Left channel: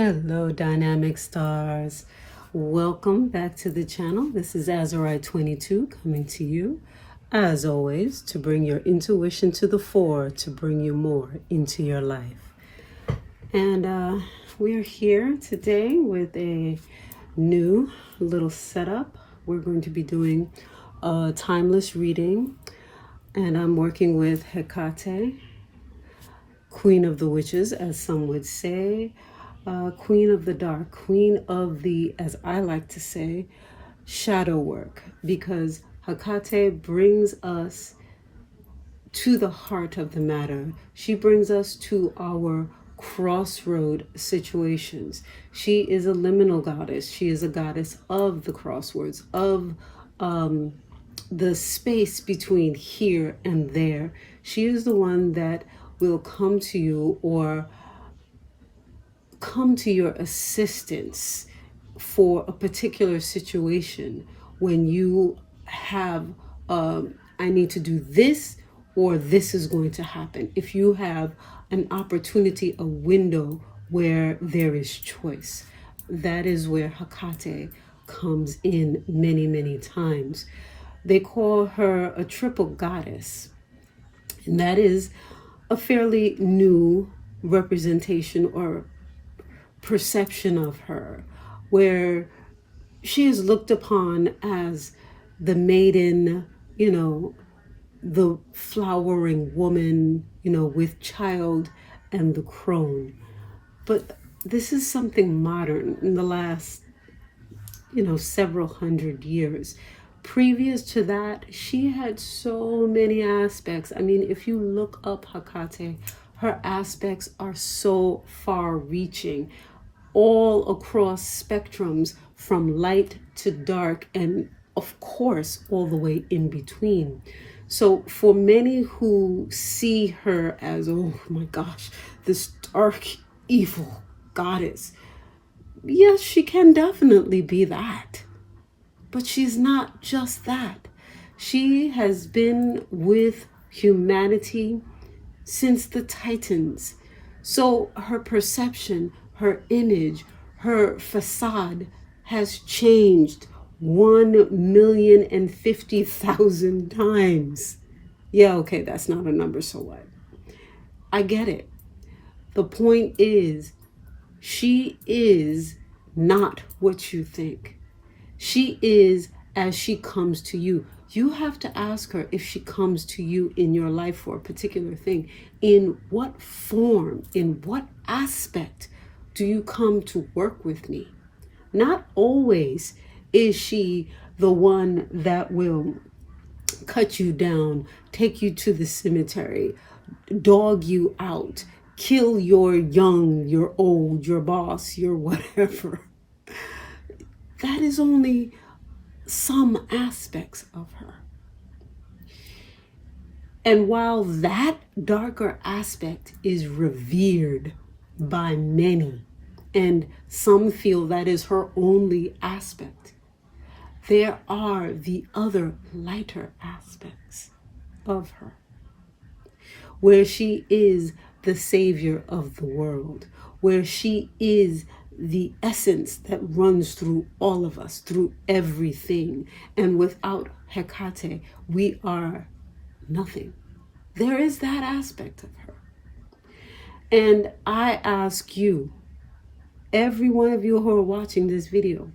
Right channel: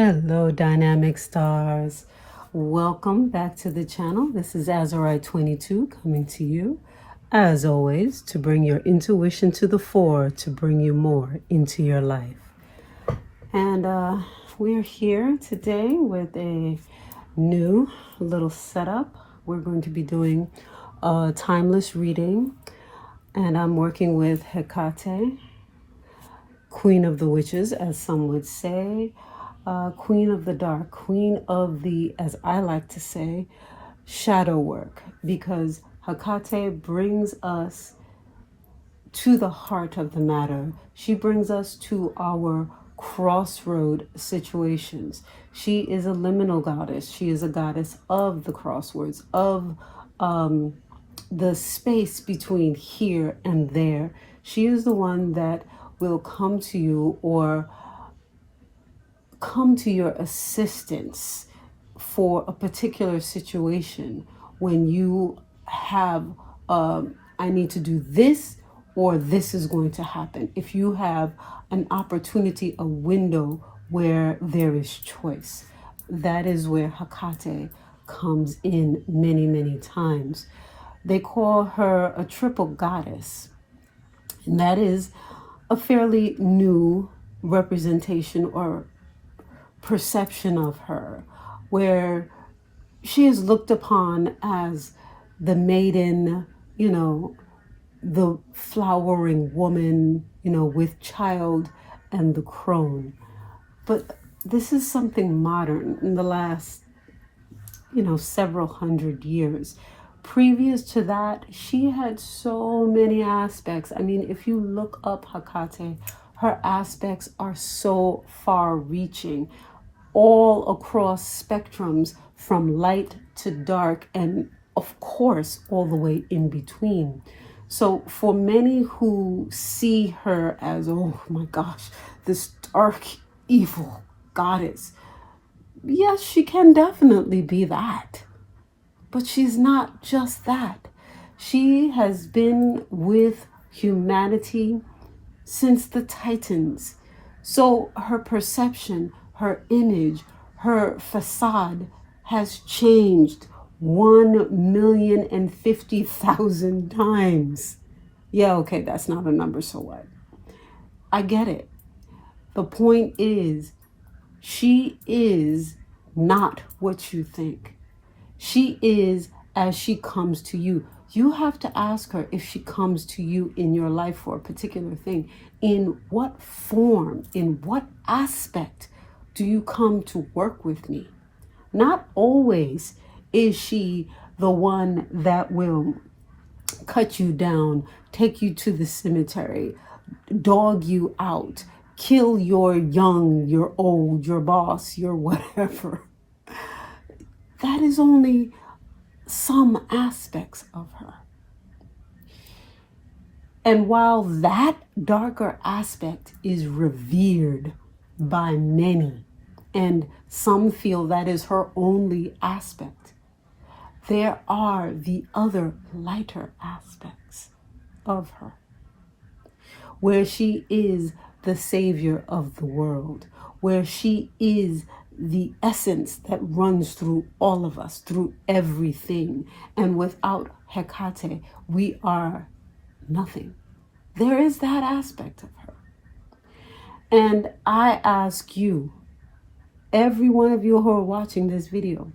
Hello, dynamic stars. Welcome back to the channel. This is Azurite 22 coming to you, as always, to bring your intuition to the fore, to bring you more into your life. And we're here today with a new little setup. We're going to be doing a timeless reading, and I'm working with Hecate, Queen of the Witches, as some would say. Queen of the dark, queen of the, as I like to say, shadow work, because Hecate brings us to the heart of the matter. She brings us to our crossroad situations. She is a liminal goddess. She is a goddess of the crossroads, of the space between here and there. She is the one that will come to you or come to your assistance for a particular situation when you have I need to do this, or this is going to happen. If you have an opportunity, a window where there is choice, that is where Hecate comes in many times. They call her a triple goddess, and that is a fairly new representation or perception of her, where she is looked upon as the maiden, the flowering woman, with child and the crone. But this is something modern in the last, several hundred years. Previous to that, she had so many aspects. I mean, if you look up Hecate, her aspects are so far-reaching, all across spectrums from light to dark, and of course, all the way in between. So for many who see her as, oh my gosh, this dark, evil goddess, yes, she can definitely be that. But she's not just that. She has been with humanity since the Titans. So her perception, her image, her facade has changed 1,050,000 times. Yeah, okay, that's not a number, so what? I get it. The point is, she is not what you think. She is as she comes to you. You have to ask her, if she comes to you in your life for a particular thing, in what form, in what aspect do you come to work with me? Not always is she the one that will cut you down, take you to the cemetery, dog you out, kill your young, your old, your boss, your whatever. That is only some aspects of her. And while that darker aspect is revered by many, and some feel that is her only aspect, there are the other lighter aspects of her, where she is the savior of the world, where she is the essence that runs through all of us, through everything. And without Hecate, we are nothing. There is that aspect of her. And I ask you, every one of you who are watching this video,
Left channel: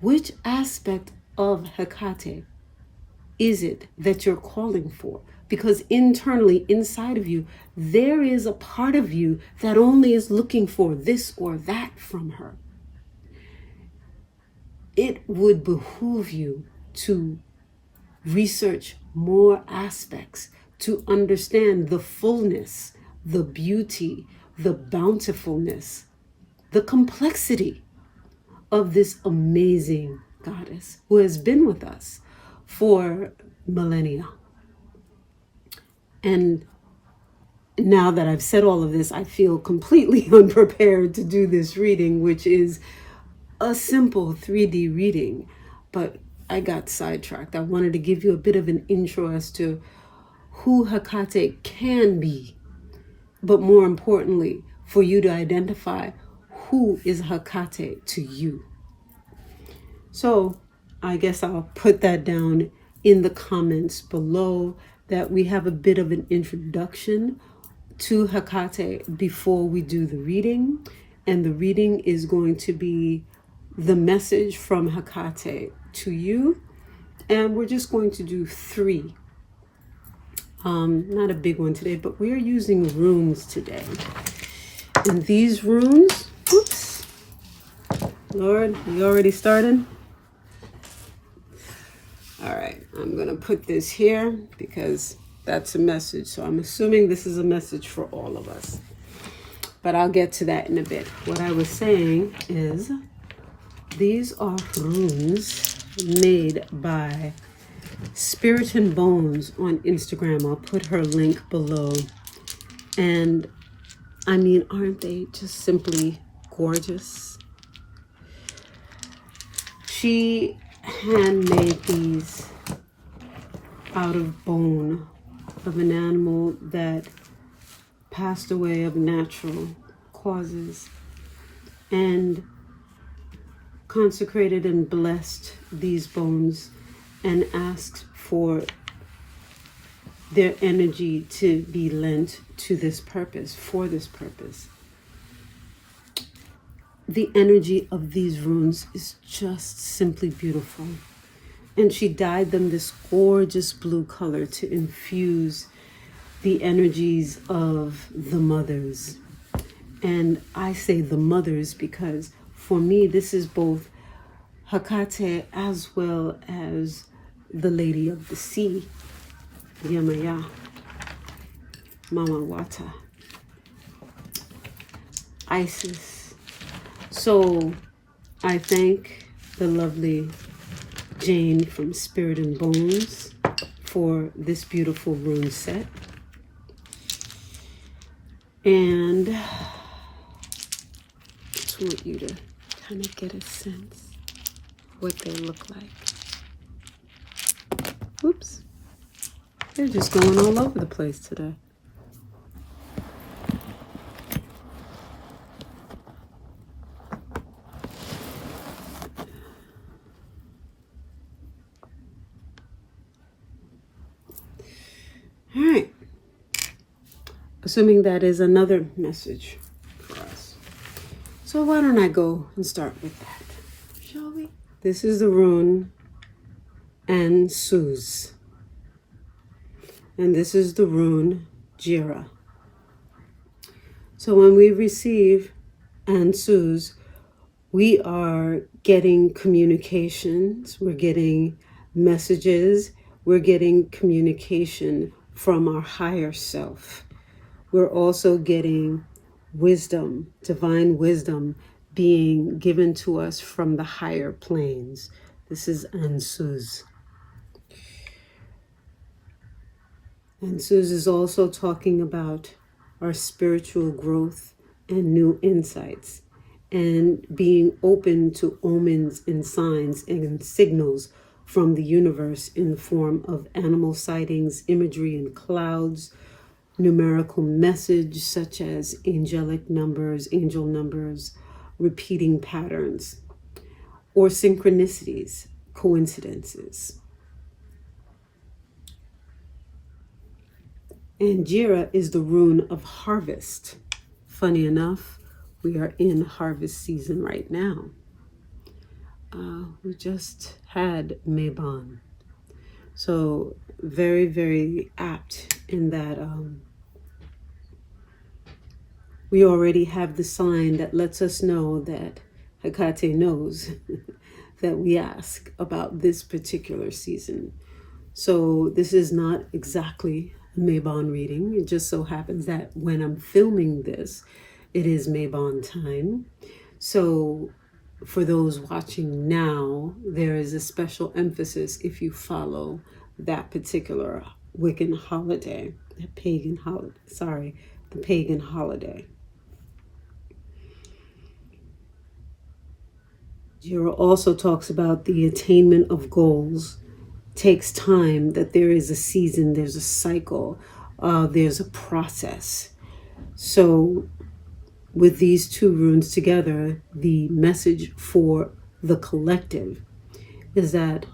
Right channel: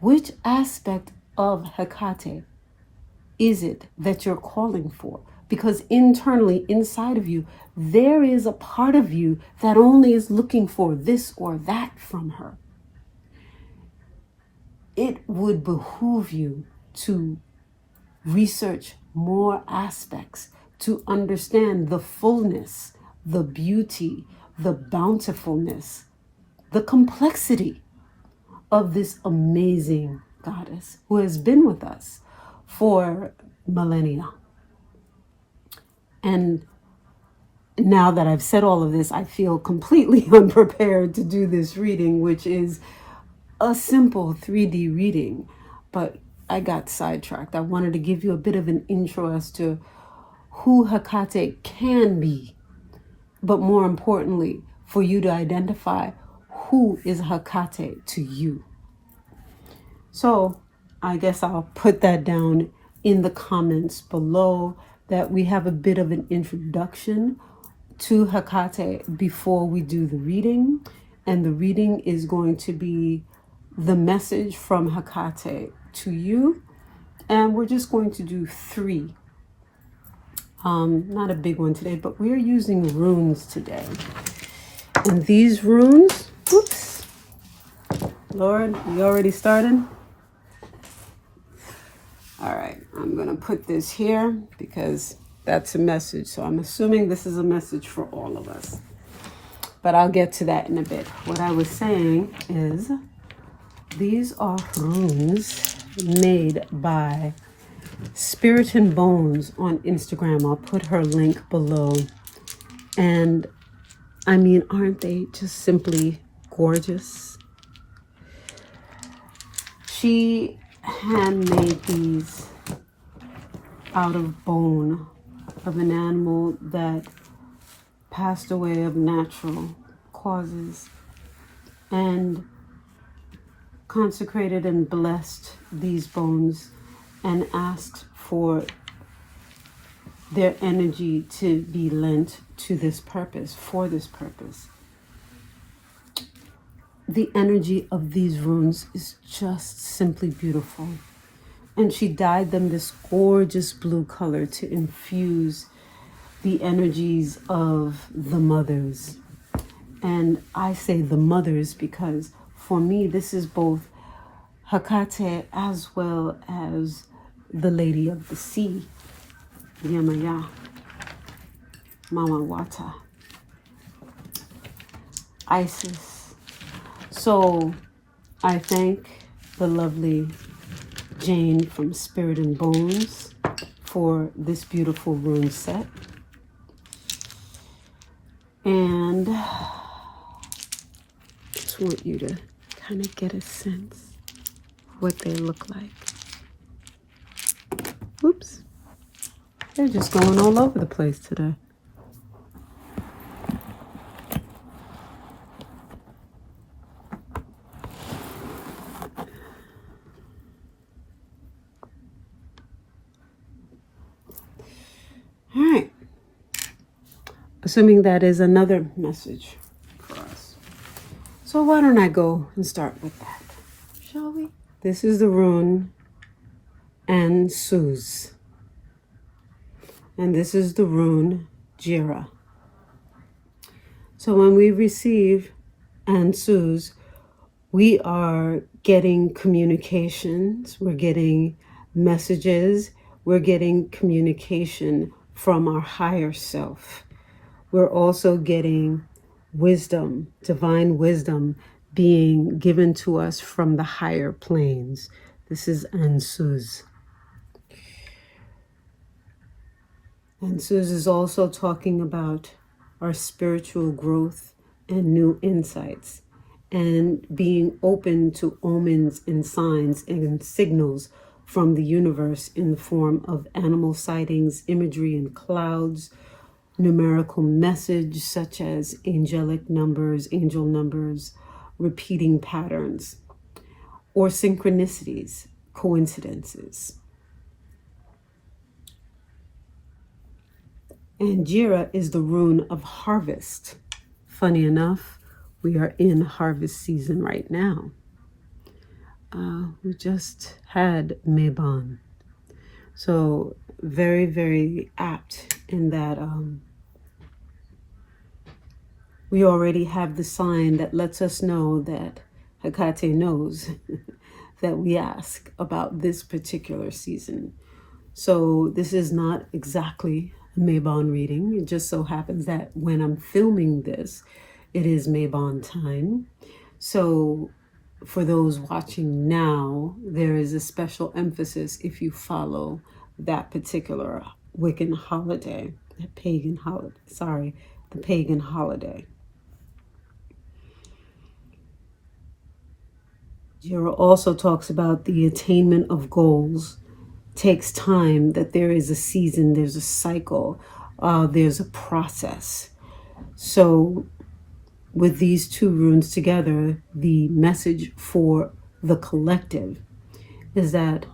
which aspect of Hecate is it that you're calling for? Because internally, inside of you, there is a part of you that only is looking for this or that from her. It would behoove you to research more aspects, to understand the fullness, the beauty, the bountifulness, the complexity of this amazing goddess who has been with us for millennia. And now that I've said all of this, I feel completely unprepared to do this reading, which is a simple 3D reading. But I got sidetracked. I wanted to give you a bit of an intro as to who Hecate can be, but more importantly, for you to identify who is Hecate to you? So I guess I'll put that down in the comments below, that we have a bit of an introduction to Hecate before we do the reading. And the reading is going to be the message from Hecate to you. And we're just going to do 3. Not a big one today, but we're using runes today. And these runes, oops, Lord, you already started? All right, I'm gonna put this here because that's a message. So I'm assuming this is a message for all of us, but I'll get to that in a bit. What I was saying is these are runes made by Spirit.and.Bones on Instagram. I'll put her link below. And I mean, aren't they just simply gorgeous? She handmade these out of bone of an animal that passed away of natural causes, and consecrated and blessed these bones and asked for their energy to be lent to this purpose, for this purpose. The energy of these runes is just simply beautiful. And she dyed them this gorgeous blue color to infuse the energies of the mothers. And I say the mothers because for me, this is both Hecate as well as the Lady of the Sea, Yamaya, Mama Wata, Isis. So I thank the lovely Jane from Spirit.and.Bones for this beautiful rune set. And I just want you to kind of get a sense of what they look like. Oops. They're just going all over the place today. All right. Assuming that is another message for us. So why don't I go and start with that, shall we? This is the rune Ansuz. And this is the rune Jira. So when we receive Ansuz, we are getting communications, we're getting messages, we're getting communication from our higher self. We're also getting wisdom, divine wisdom being given to us from the higher planes. This is Ansuz. Ansuz is also talking about our spiritual growth and new insights, and being open to omens and signs and signals from the universe in the form of animal sightings, imagery in clouds, numerical message such as angelic numbers, angel numbers, repeating patterns, or synchronicities, coincidences. And Jira is the rune of harvest. Funny enough, we are in harvest season right now. We just had Mabon. So very, very apt in that we already have the sign that lets us know that Hecate knows that we ask about this particular season. So this is not exactly a Mabon reading. It just so happens that when I'm filming this, it is Mabon time. So for those watching now, there is a special emphasis if you follow that particular Wiccan holiday, the pagan holiday. Jira also talks about the attainment of goals takes time, that there is a season, there's a cycle, there's a process. So with these two runes together, the message for the collective is that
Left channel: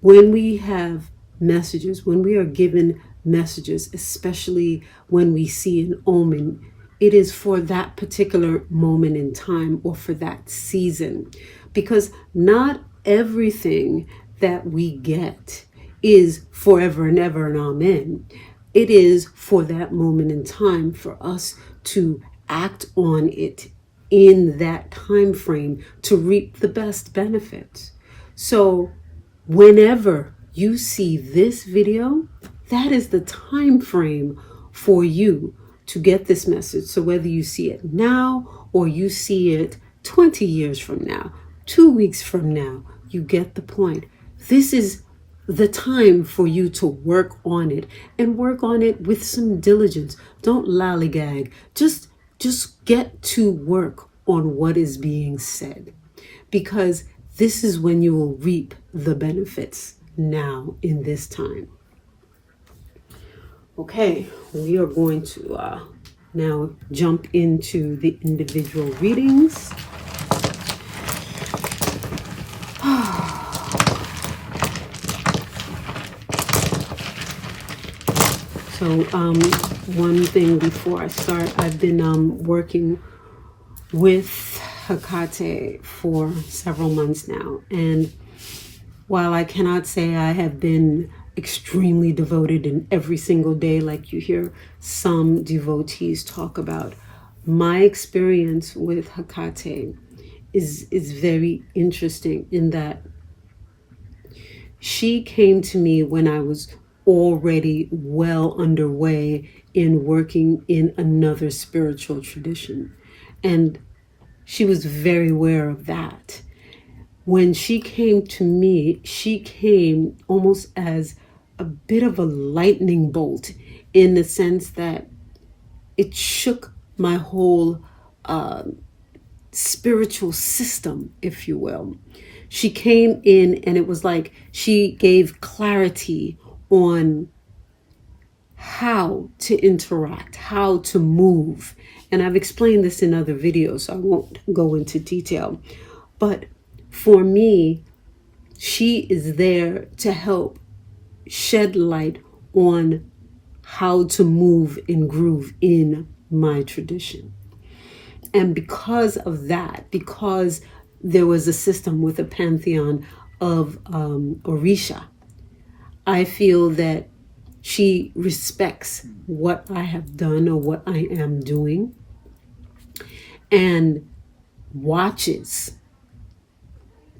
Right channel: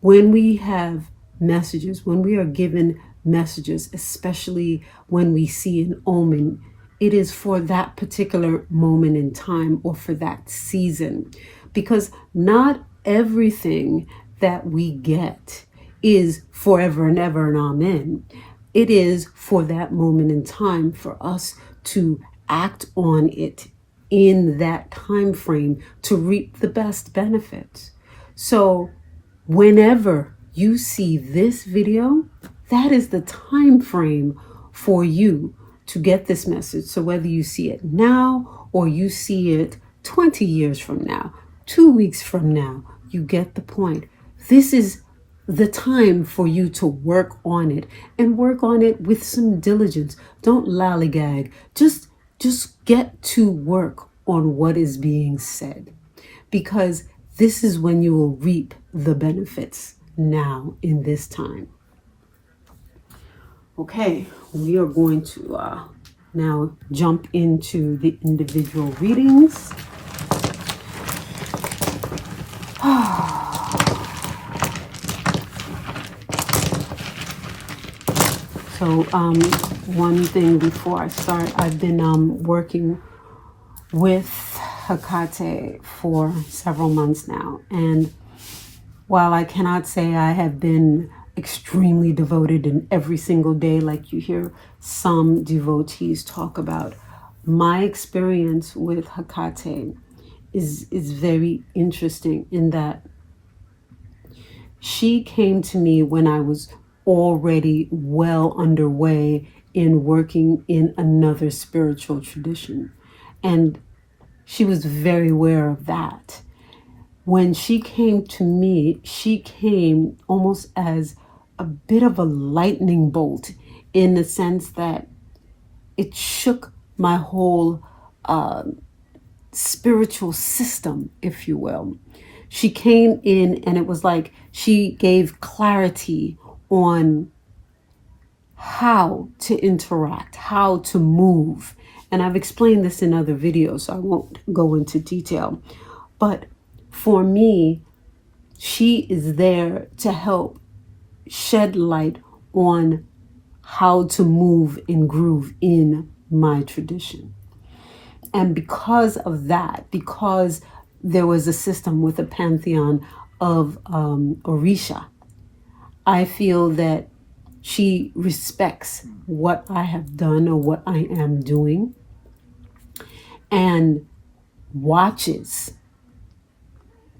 when we have messages, when we are given messages, especially when we see an omen, it is for that particular moment in time or for that season. Because not everything that we get is forever and ever and amen. It is for that moment in time for us to act on it in that time frame to reap the best benefits. So whenever you see this video, that is the time frame for you to get this message. So whether you see it now or you see it 20 years from now, 2 weeks from now, you get the point. This is the time for you to work on it, and work on it with some diligence. Don't lollygag. Just get to work on what is being said, because this is when you will reap the benefits now in this time. Okay, we are going to now jump into the individual readings. So one thing before I start, I've been working with Hecate for several months now. And while I cannot say I have been extremely devoted in every single day, like you hear some devotees talk about, my experience with Hecate is very interesting in that she came to me when I was already well underway in working in another spiritual tradition. And she was very aware of that. When she came to me, she came almost as a bit of a lightning bolt, in the sense that it shook my whole spiritual system, if you will. She came in and it was like she gave clarity on how to interact, how to move. And I've explained this in other videos, so I won't go into detail. But for me, she is there to help shed light on how to move and groove in my tradition. And because of that, because there was a system with a pantheon of Orisha, I feel that she respects what I have done or what I am doing, and watches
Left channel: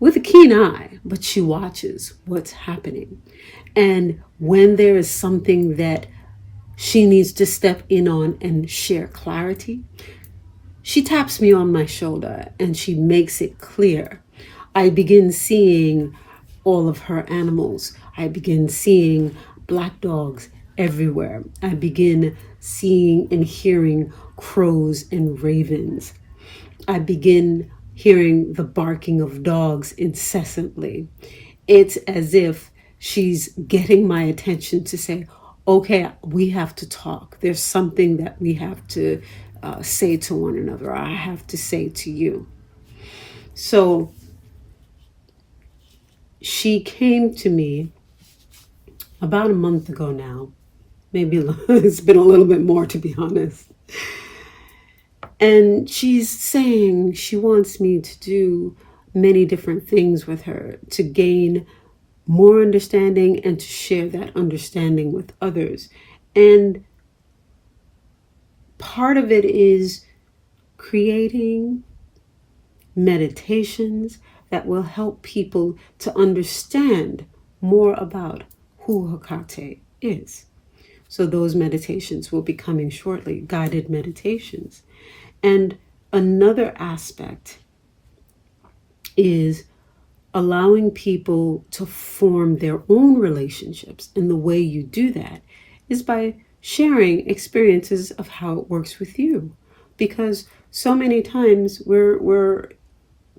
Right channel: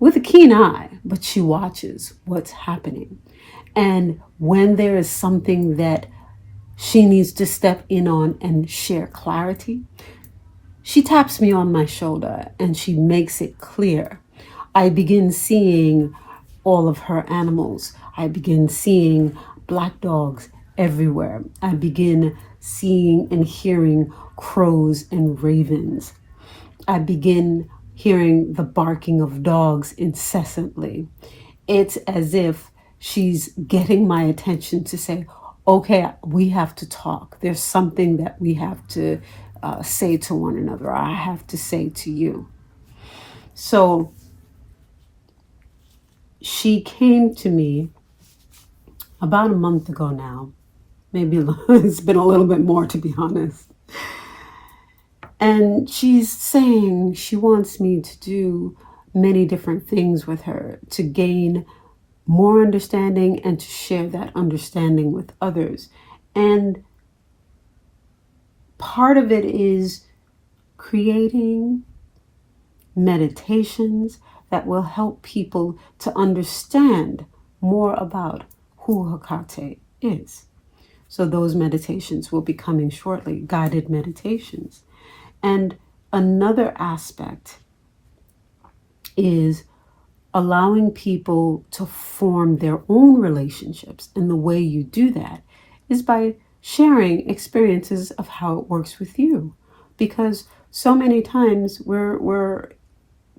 with a keen eye, but she watches what's happening. And when there is something that she needs to step in on and share clarity, she taps me on my shoulder and she makes it clear. I begin seeing all of her animals. I begin seeing black dogs everywhere. I begin seeing and hearing crows and ravens. I begin hearing the barking of dogs incessantly. It's as if she's getting my attention to say, okay, we have to talk. There's something that we have to say to one another. I have to say to you. So she came to me about a month ago now. Maybe it's been a little bit more, to be honest. And she's saying she wants me to do many different things with her to gain more understanding and to share that understanding with others. And part of it is creating meditations that will help people to understand more about who Hecate is. So those meditations will be coming shortly, guided meditations. And another aspect is allowing people to form their own relationships. And the way you do that is by sharing experiences of how it works with you. Because so many times we're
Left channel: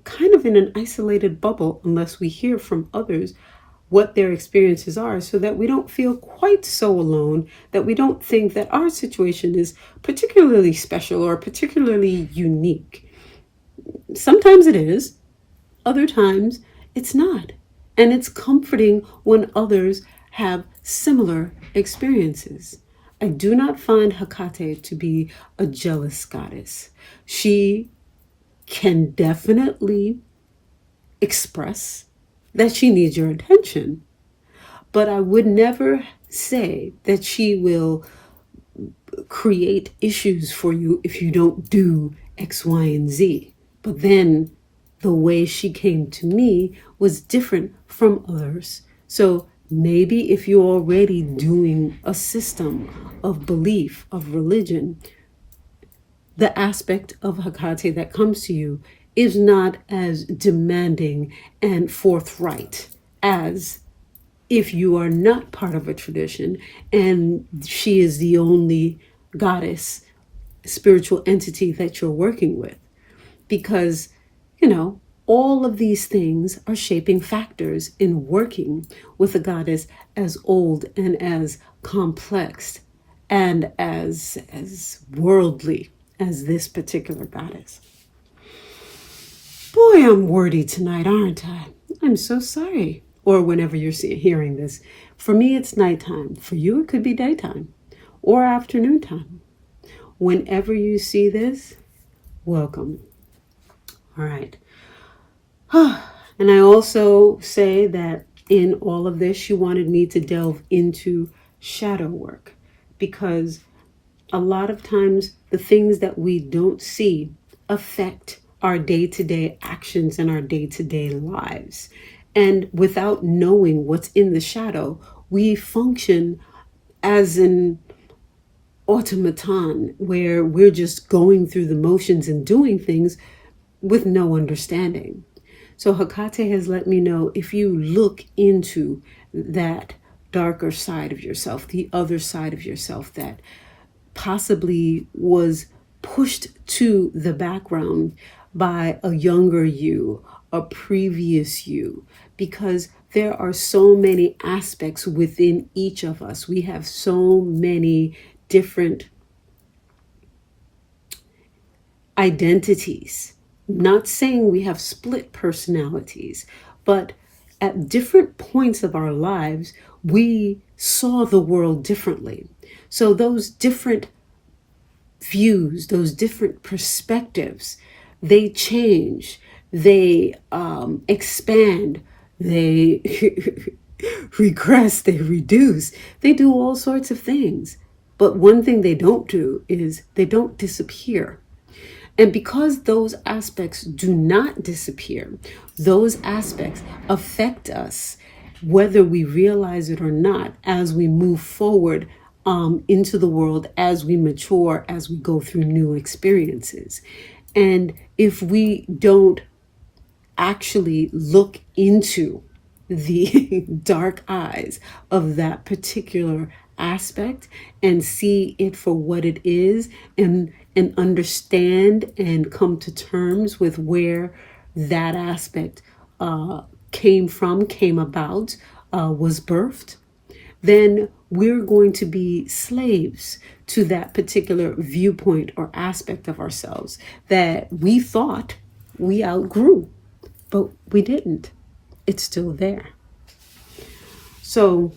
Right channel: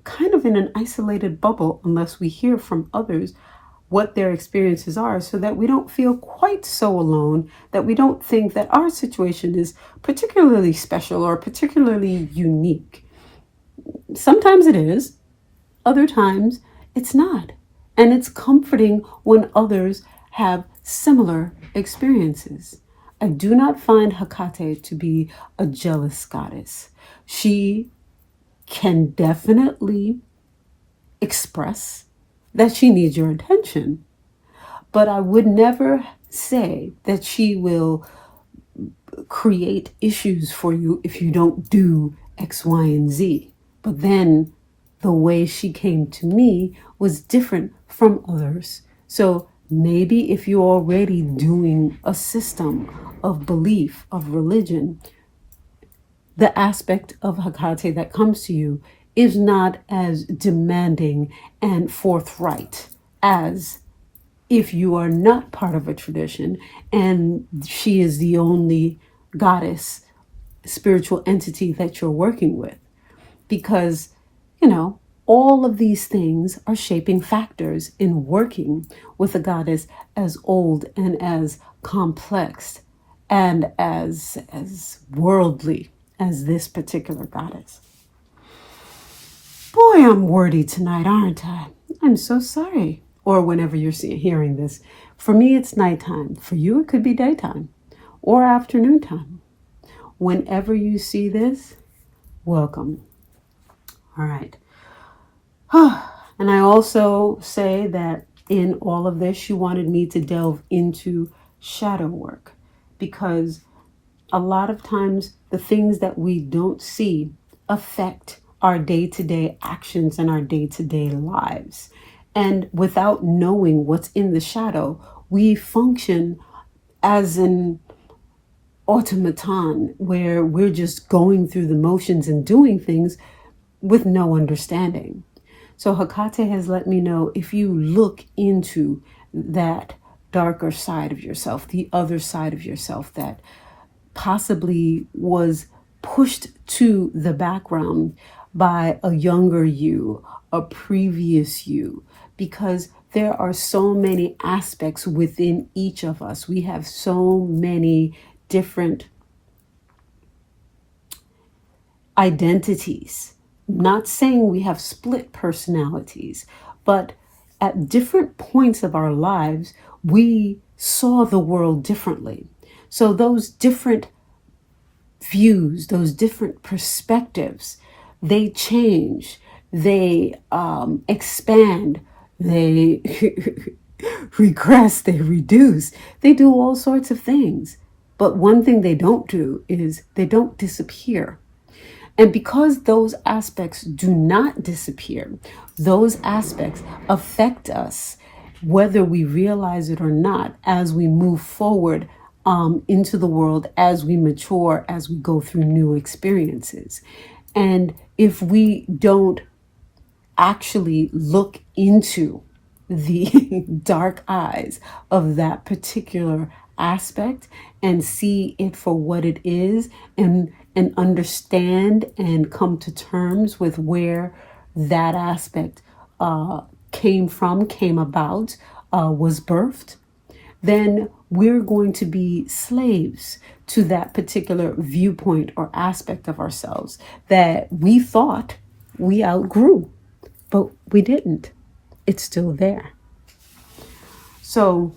kind of in an isolated bubble unless we hear from others what their experiences are, so that we don't feel quite so alone, that we don't think that our situation is particularly special or particularly unique. Sometimes it is, other times it's not. And it's comforting when others have similar experiences. I do not find Hecate to be a jealous goddess. She can definitely express that she needs your attention, but I would never say that she will create issues for you if you don't do X, Y, and Z. But then the way she came to me was different from others. So maybe if you're already doing a system of belief, of religion, the aspect of Hecate that comes to you is not as demanding and forthright as if you are not part of a tradition and she is the only goddess, spiritual entity that you're working with. Because, all of these things are shaping factors in working with a goddess as old and as complex and as worldly as this particular goddess. Boy, I'm wordy tonight, aren't I? I'm so sorry. Or whenever you're hearing this. For me, it's nighttime. For you, it could be daytime or afternoon time. Whenever you see this, welcome. All right. And I also say that in all of this, you wanted me to delve into shadow work, because a lot of times the things that we don't see affect our day-to-day actions and our day-to-day lives. And without knowing what's in the shadow, we function as an automaton where we're just going through the motions and doing things with no understanding. So Hecate has let me know, if you look into that darker side of yourself, the other side of yourself that possibly was pushed to the background by a younger you, a previous you, because there are so many aspects within each of us. We have so many different identities. Not saying we have split personalities, but at different points of our lives, we saw the world differently. So those different views, those different perspectives, they change, they expand, they regress, they reduce, they do all sorts of things. But one thing they don't do is they don't disappear. And because those aspects do not disappear, those aspects affect us, whether we realize it or not, as we move forward into the world, as we mature, as we go through new experiences. And if we don't actually look into the dark eyes of that particular aspect and see it for what it is, and understand and come to terms with where that aspect came about, was birthed, then we're going to be slaves to that particular viewpoint or aspect of ourselves that we thought we outgrew, but we didn't. It's still there. So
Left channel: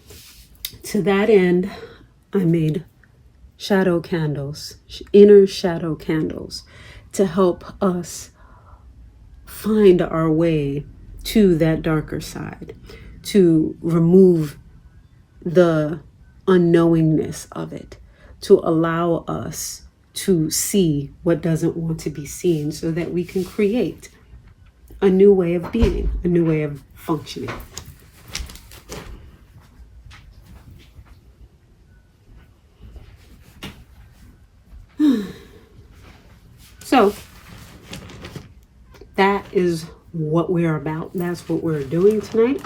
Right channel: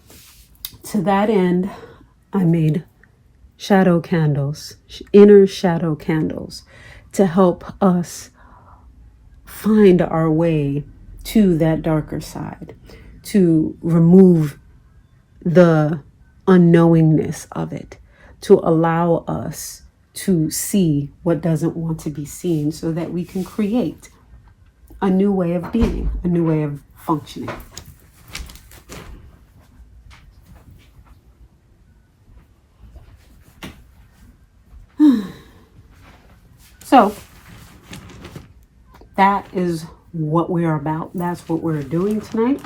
to that end, I made shadow candles, inner shadow candles, to help us find our way to that darker side, to remove the unknowingness of it, to allow us to see what doesn't want to be seen, so that we can create a new way of being, a new way of functioning. So that is what we're about. That's what we're doing tonight.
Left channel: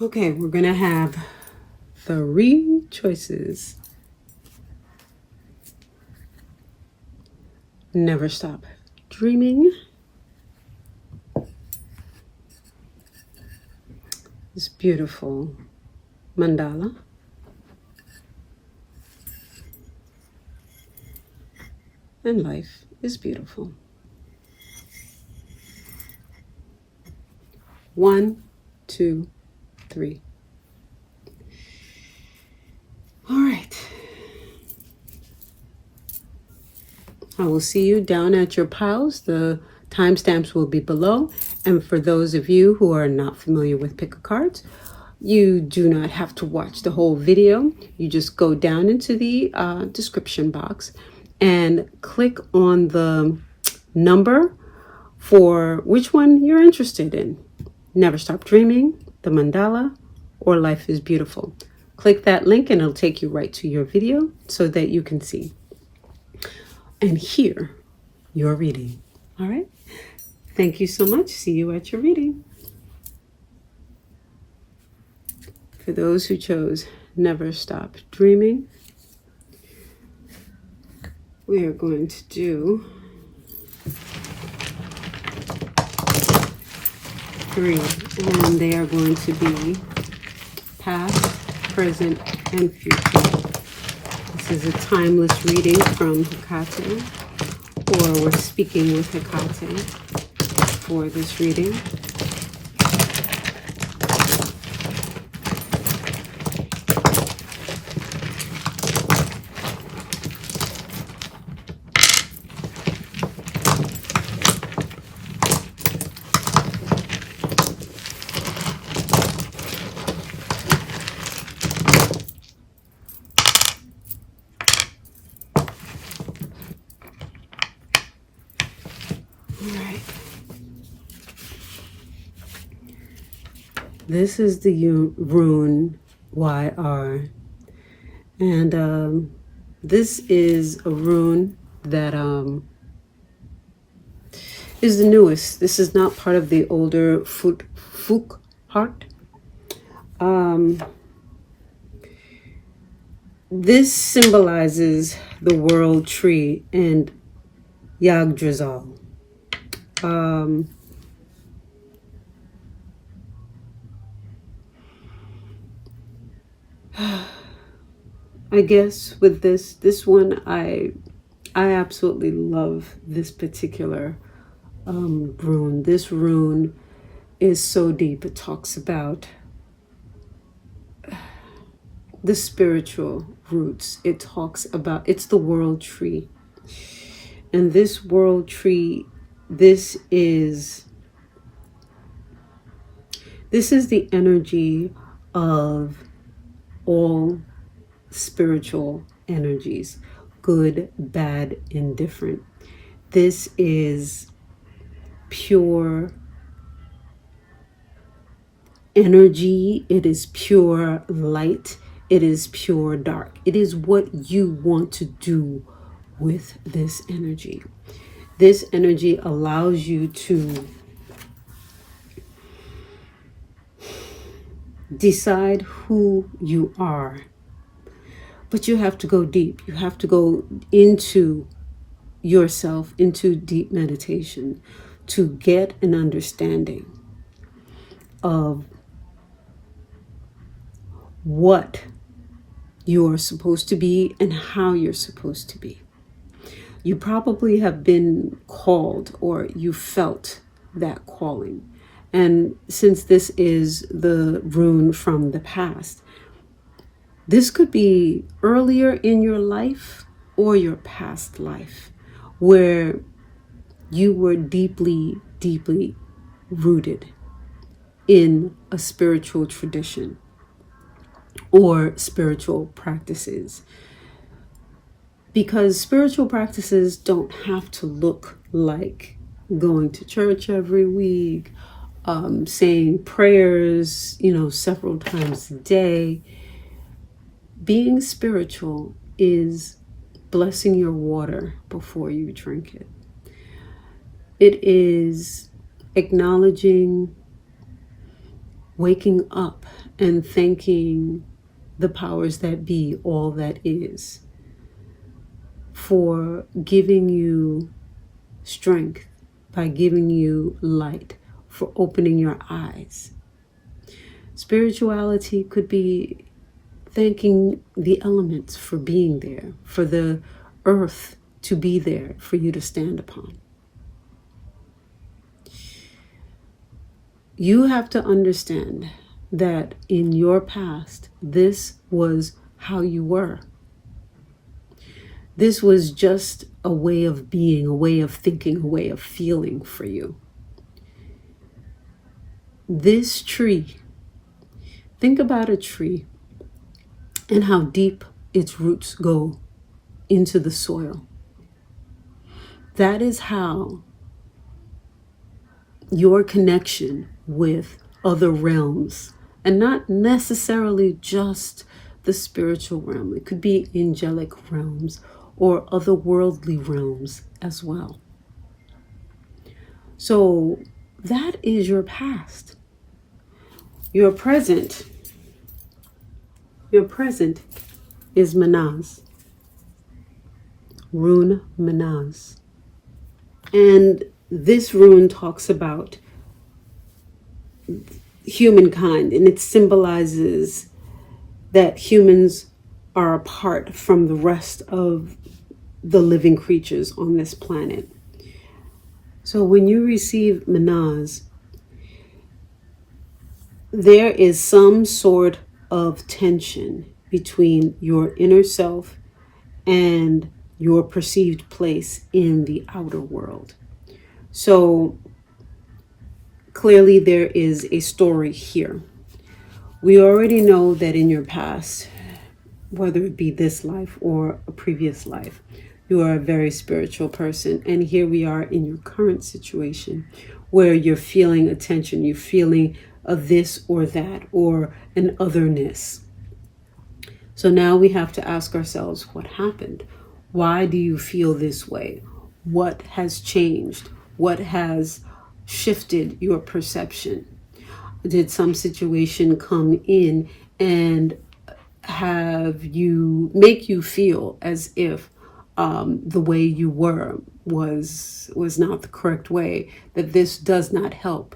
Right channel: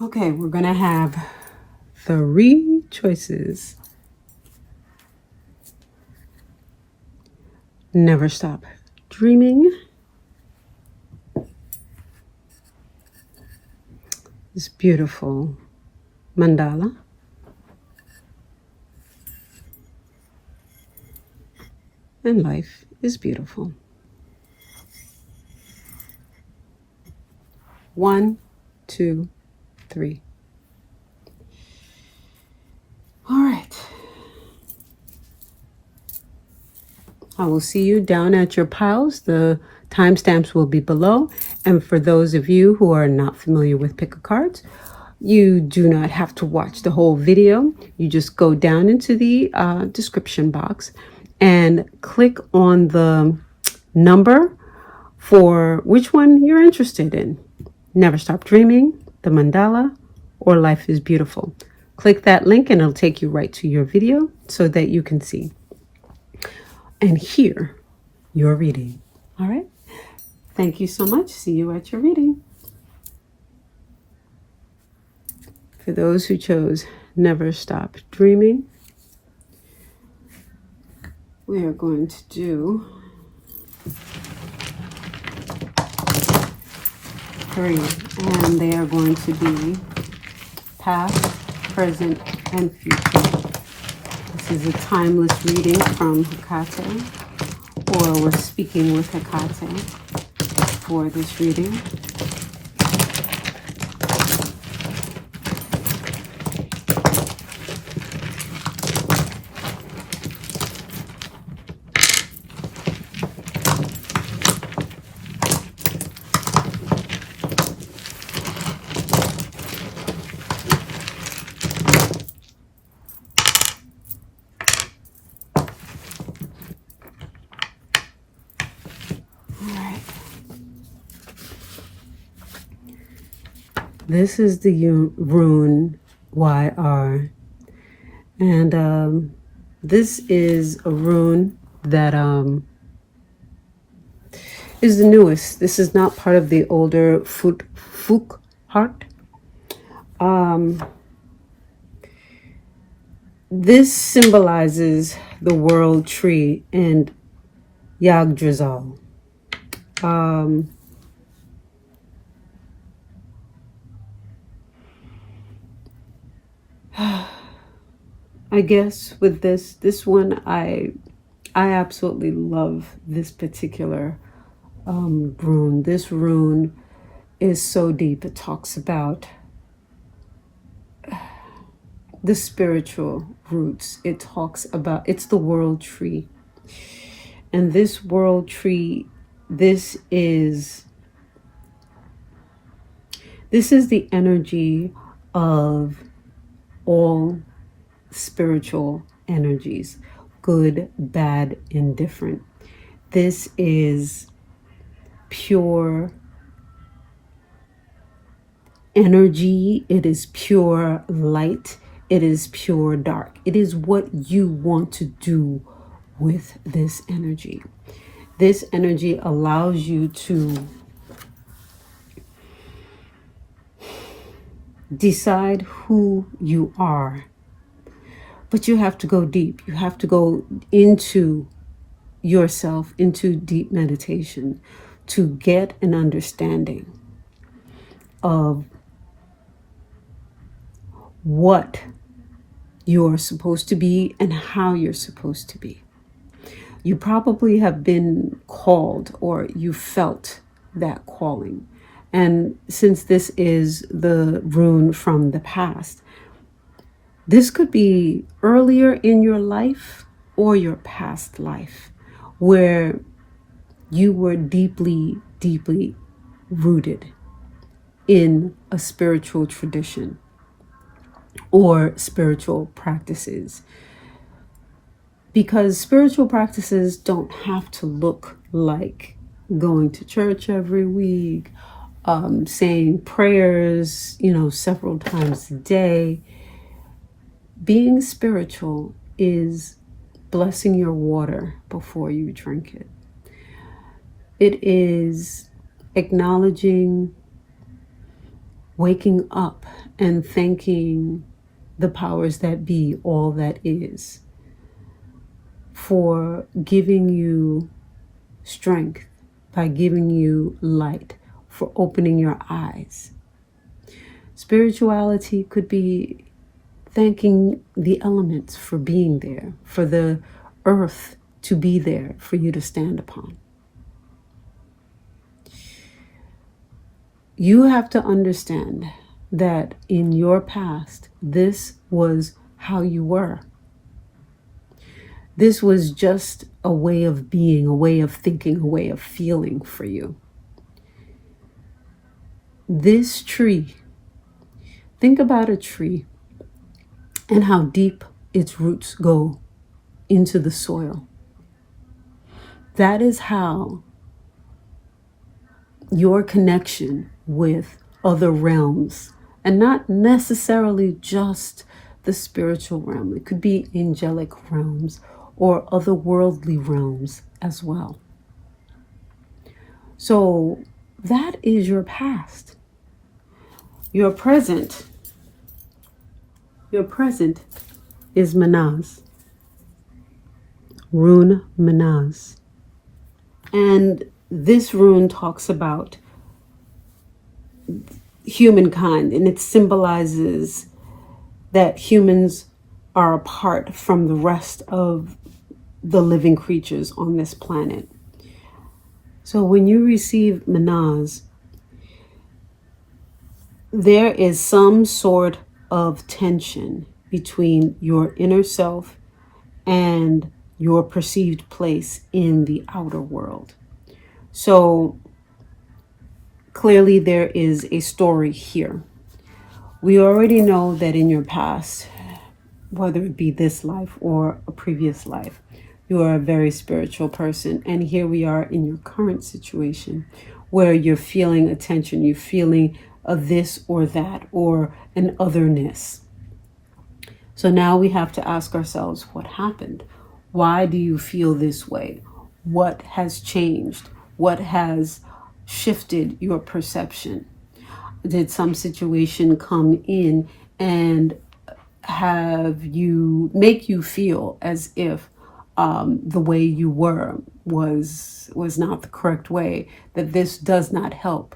Okay, we're going to have 3 choices Never stop dreaming. This beautiful mandala. And life is beautiful. 1, 2, 3. All right. I will see you down at your piles. The timestamps will be below. And for those of you who are not familiar with pick a cards, you do not have to watch the whole video. You just go down into the description box and click on the number for which one you're interested in. Never Stop Dreaming, the mandala, or Life is Beautiful. Click that link and it'll take you right to your video so that you can see and hear your reading. All right. Thank you so much. See you at your reading. For those who chose Never Stop Dreaming, we are going to do 3, and they are going to be past, present, and future. This is a timeless reading from Hecate, or we're speaking with Hecate for this reading. This is the rune YR, and this is a rune that is the newest. This is not part of the older Fuk heart. This symbolizes the world tree and Yggdrasil. I guess with this one, I absolutely love this particular rune. This rune is so deep. It talks about the spiritual roots. It talks about, it's the world tree. And this world tree, this is the energy of all spiritual energies, good, bad, indifferent. This is pure energy. It is pure light. It is pure dark. It is what you want to do with this energy. This energy allows you to decide who you are. But you have to go deep. You have to go into yourself, into deep meditation to get an understanding of what you're supposed to be and how you're supposed to be. You probably have been called, or you felt that calling. And since this is the rune from the past, this could be earlier in your life or your past life where you were deeply, deeply rooted in a spiritual tradition or spiritual practices. Because spiritual practices don't have to look like going to church every week, saying prayers, several times a day. Being spiritual is blessing your water before you drink it. It is acknowledging, waking up, and thanking the powers that be, all that is, for giving you strength, by giving you light, for opening your eyes. Spirituality could be thanking the elements for being there, for the earth to be there for you to stand upon. You have to understand that in your past, this was how you were. This was just a way of being, a way of thinking, a way of feeling for you. This tree, think about a tree and how deep its roots go into the soil. That is how your connection with other realms, and not necessarily just the spiritual realm. It could be angelic realms or otherworldly realms as well. So that is your past. Your present is Manaz. Rune Manaz. And this rune talks about humankind, and it symbolizes that humans are apart from the rest of the living creatures on this planet. So when you receive Manaz, there is some sort of tension between your inner self and your perceived place in the outer world. So clearly there is a story here. We already know that in your past, whether it be this life or a previous life, you are a very spiritual person. And here we are in your current situation where you're feeling a tension, you're feeling a this or that or an otherness. So now we have to ask ourselves, what happened? Why do you feel this way? What has changed? What has shifted your perception? Did some situation come in and make you feel as if the way you were was not the correct way, that this does not help?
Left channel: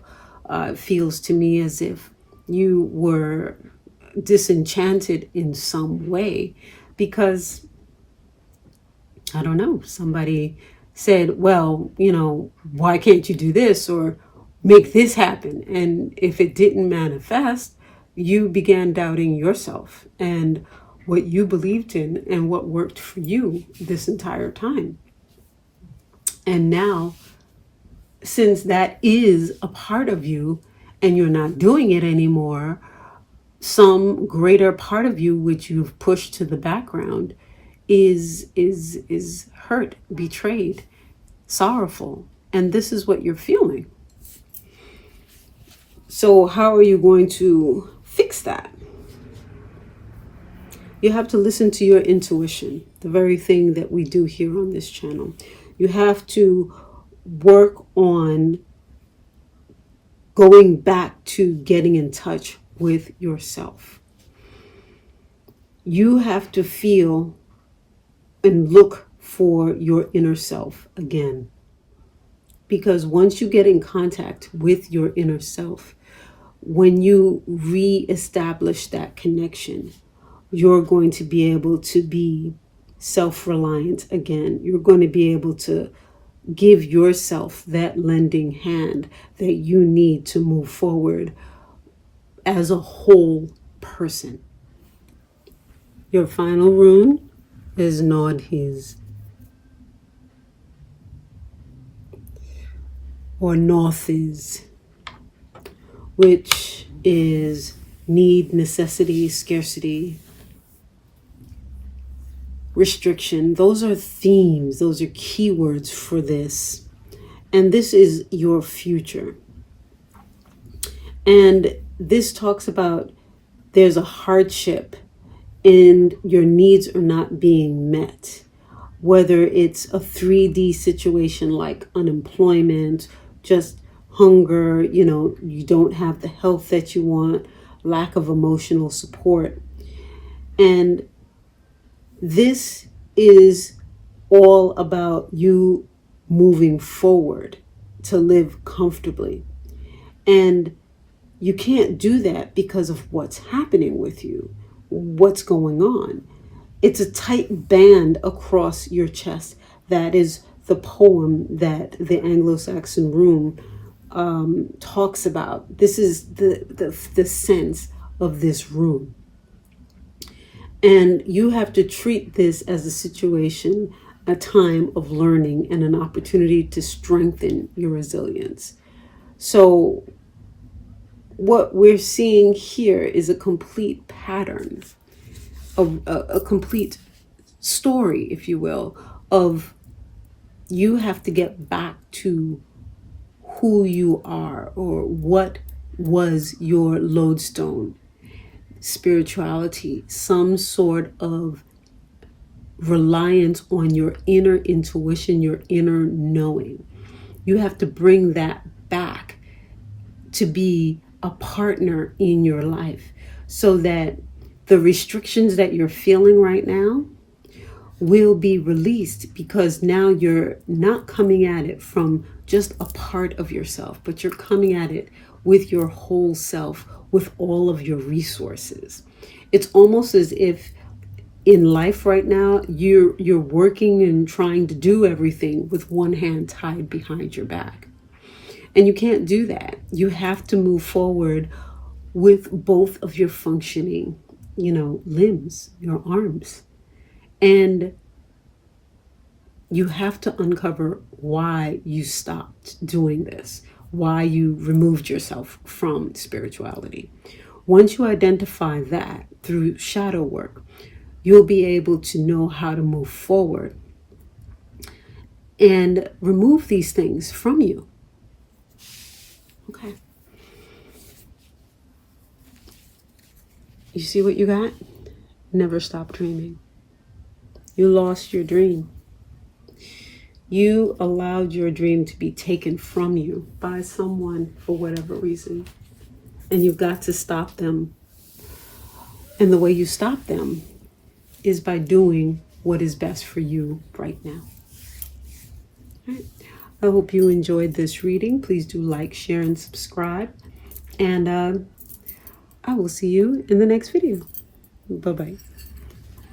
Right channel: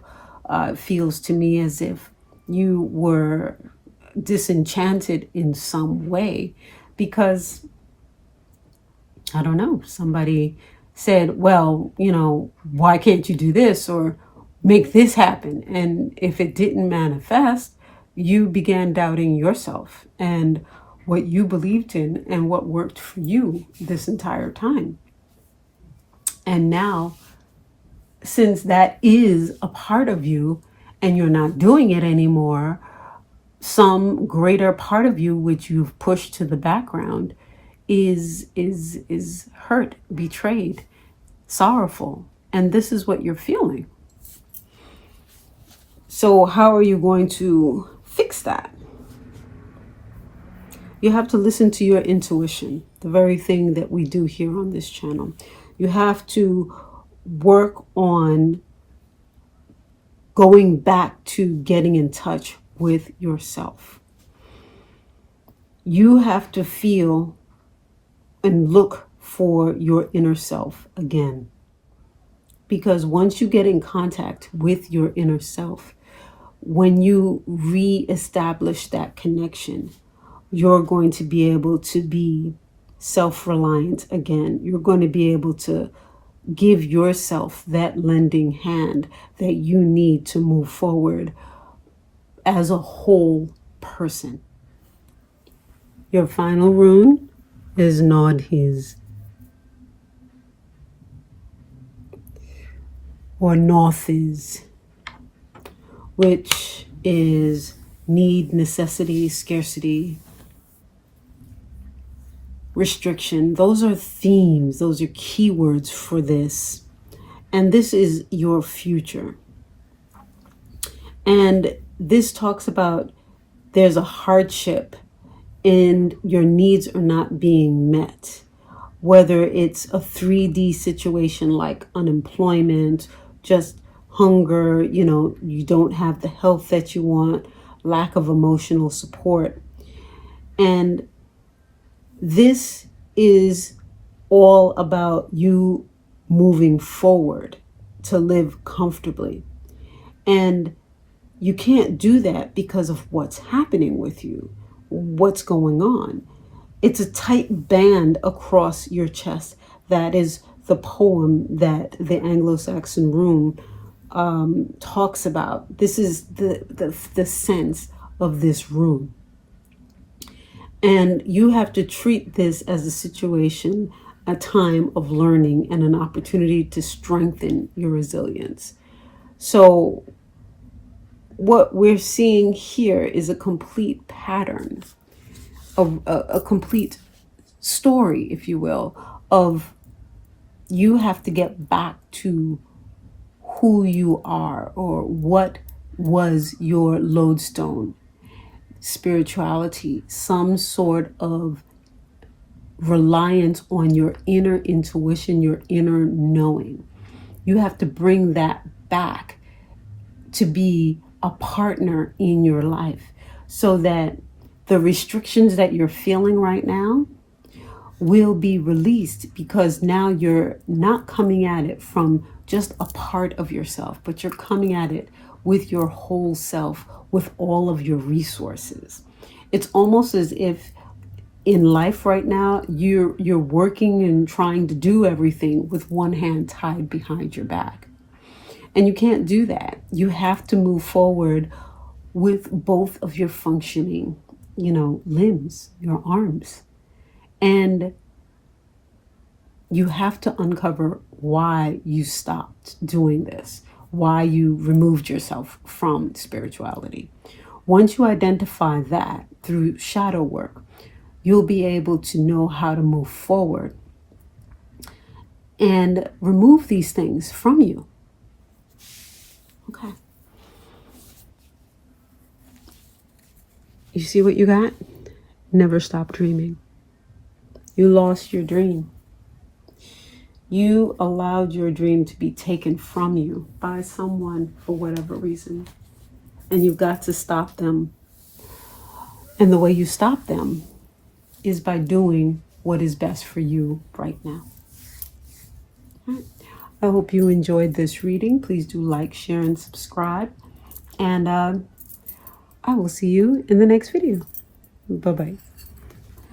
It feels to me as if you were disenchanted in some way because, I don't know, somebody said, well, why can't you do this or make this happen? And if it didn't manifest, you began doubting yourself and what you believed in and what worked for you this entire time. And now, since that is a part of you and you're not doing it anymore, some greater part of you, which you've pushed to the background, is hurt, betrayed, sorrowful. And this is what you're feeling. So how are you going to fix that? You have to listen to your intuition, the very thing that we do here on this channel. You have to work on going back to getting in touch with yourself. You have to feel and look for your inner self again. Because once you get in contact with your inner self, when you re-establish that connection, you're going to be able to be self-reliant again. You're going to be able to give yourself that lending hand that you need to move forward as a whole person. Your final rune is Nodhiz, or Northiz, which is need, necessity, scarcity, restriction. Those are themes, those are keywords for this. And this is your future. And this talks about there's a hardship and your needs are not being met. Whether it's a 3D situation like unemployment, just hunger, you don't have the health that you want, lack of emotional support. And this is all about you moving forward to live comfortably. And you can't do that because of what's happening with you, what's going on. It's a tight band across your chest. That is the poem that the Anglo-Saxon Rune talks about. This is the sense of this rune. And you have to treat this as a situation, a time of learning, and an opportunity to strengthen your resilience. So what we're seeing here is a complete pattern, of a complete story, if you will, of you have to get back to who you are, or what was your lodestone. Spirituality, some sort of reliance on your inner intuition, your inner knowing. You have to bring that back to be a partner in your life, so that the restrictions that you're feeling right now will be released, because now you're not coming at it from just a part of yourself, but you're coming at it with your whole self, with all of your resources. It's almost as if in life right now, you're working and trying to do everything with one hand tied behind your back. And you can't do that. You have to move forward with both of your functioning, limbs, your arms. And you have to uncover why you stopped doing this, why you removed yourself from spirituality. Once you identify that through shadow work, you'll be able to know how to move forward and remove these things from you. Okay. You see what you got? Never stop dreaming. You lost your dream. You allowed your dream to be taken from you by someone for whatever reason. And you've got to stop them. And the way you stop them is by doing what is best for you right now. All right. I hope you enjoyed this reading. Please do like, share, and subscribe. And I will see you in the next video. Bye-bye.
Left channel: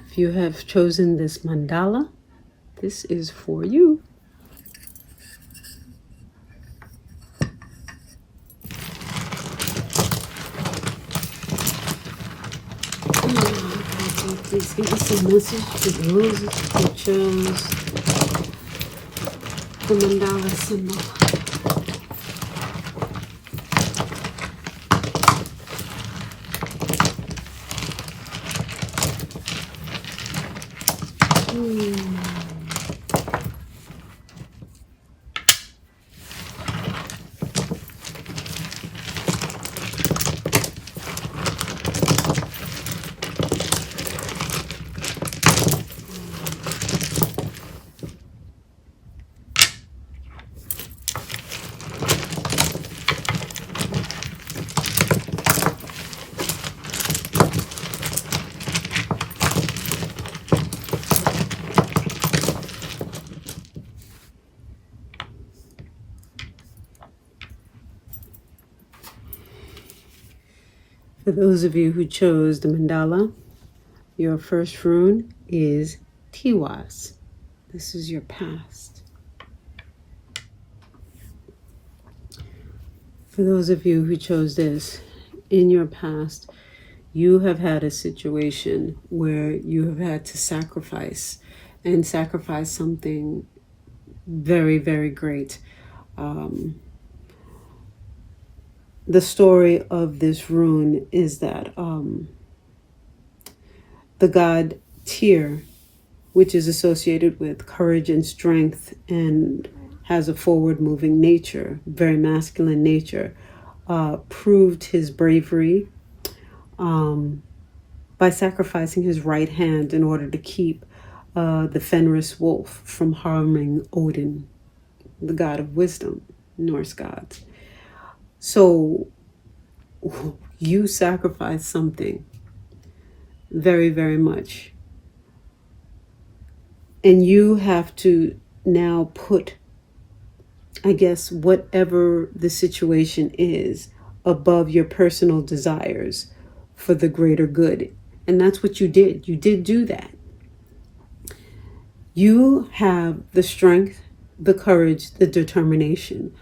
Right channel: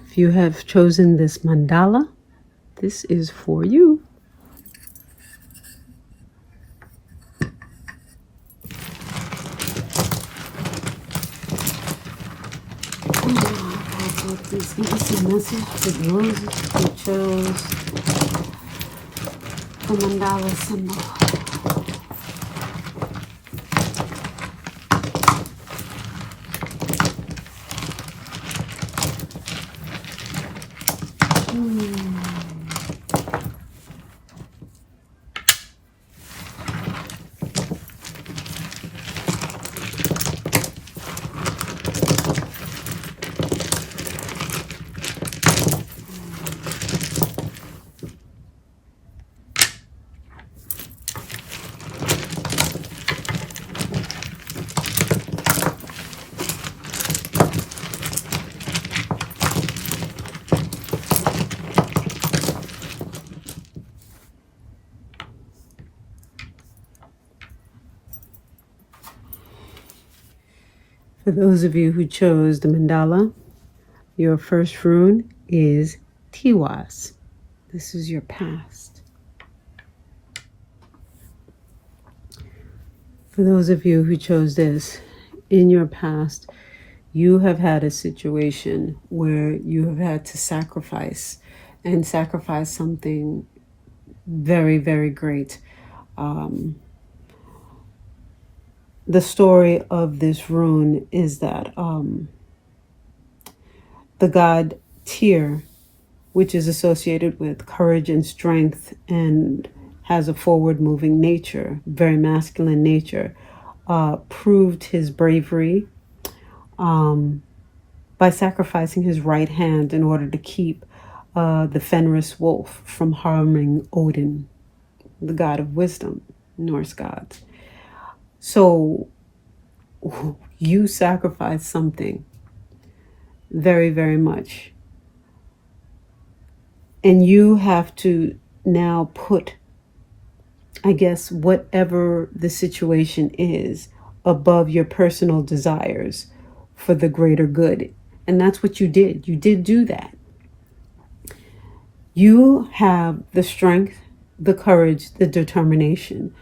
If you have chosen this mandala, this is for you. Please give us a message to those who chose the mandala symbol. For those of you who chose the mandala, your first rune is Tiwas. This is your past. For those of you who chose this, in your past, you have had a situation where you have had to sacrifice something very, very great. The story of this rune is that the god Tyr, which is associated with courage and strength and has a forward-moving nature, very masculine nature, proved his bravery by sacrificing his right hand in order to keep the Fenris wolf from harming Odin, the god of wisdom, Norse gods. So you sacrifice something very, very much. And you have to now put I guess, whatever the situation is, above your personal desires for the greater good. And that's what you did. You did do that. You have the strength, the courage, the determination,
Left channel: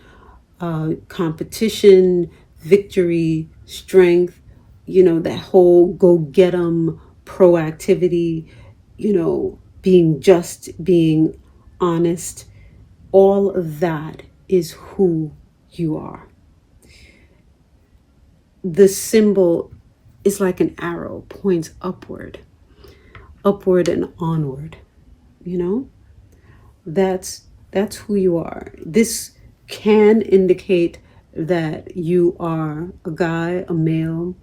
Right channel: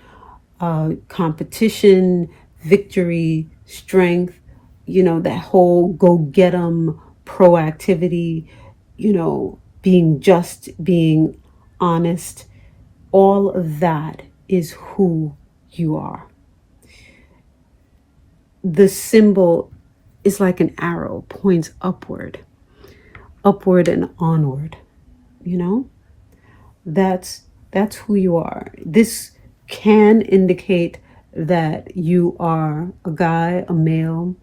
competition, victory, strength, that whole go get 'em proactivity, being just, being honest. All of that is who you are. The symbol is like an arrow, points upward and onward. That's who you are. This can indicate that you are a guy, a male,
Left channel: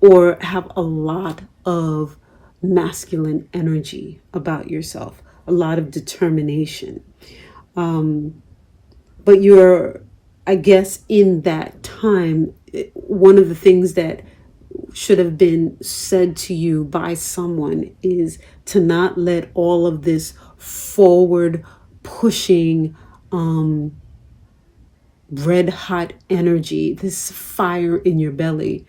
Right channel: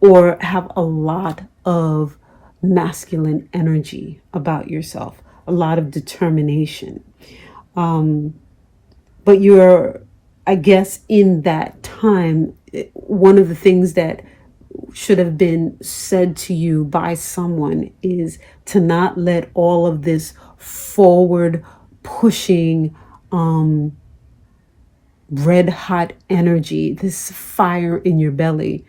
or have a lot of masculine energy about yourself, a lot of determination. But you're, I guess, in that time, one of the things that should have been said to you by someone is to not let all of this forward pushing, red hot energy, this fire in your belly,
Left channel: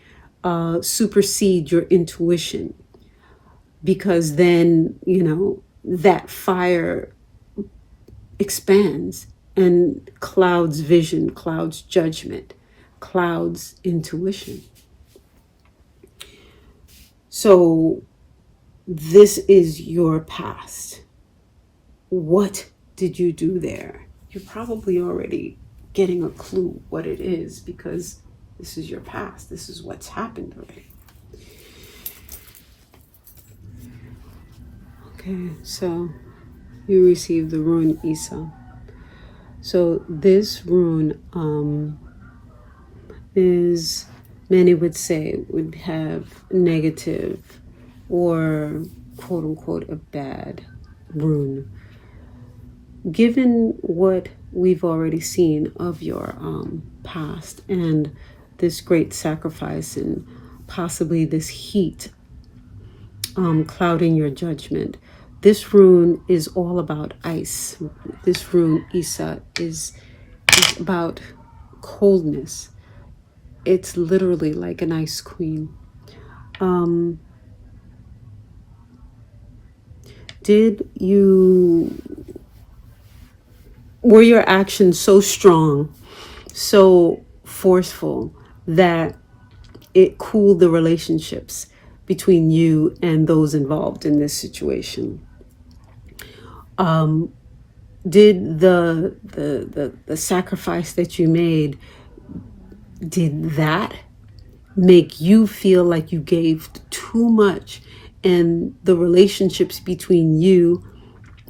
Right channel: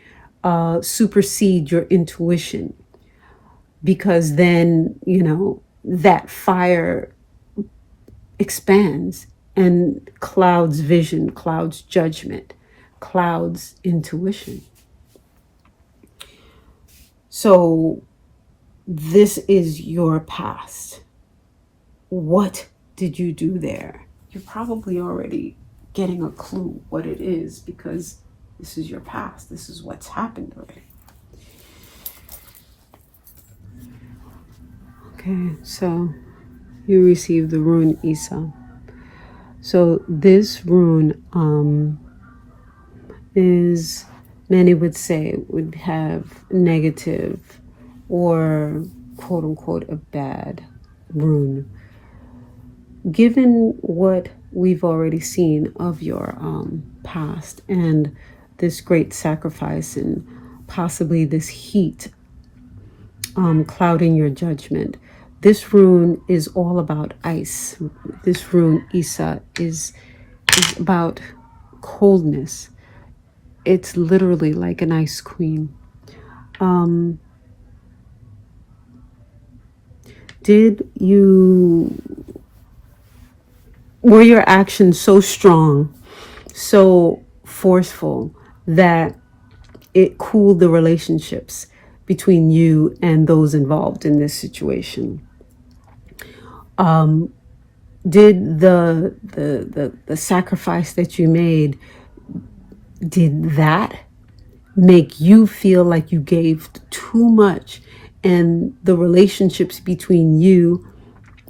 supersede your intuition. Because then, that fire expands and clouds vision, clouds judgment, clouds intuition. So this is your past. What did you do there? You're probably already getting a clue what it is, because this is your past. This is what's happened already. Okay, so you received the rune Isa. So this rune is, many would say, would have negative or quote unquote a bad rune. Given what we've already seen of your past and this great sacrifice and possibly this heat clouding your judgment, this rune is all about ice. This rune Isa is about coldness. It's literally like an ice queen. Were your actions so strong, so forceful, that it cooled the relationships between you and those involved in this situation? Did the sacrifice that you made, did that make you feel like you gave too much, and the relationships between you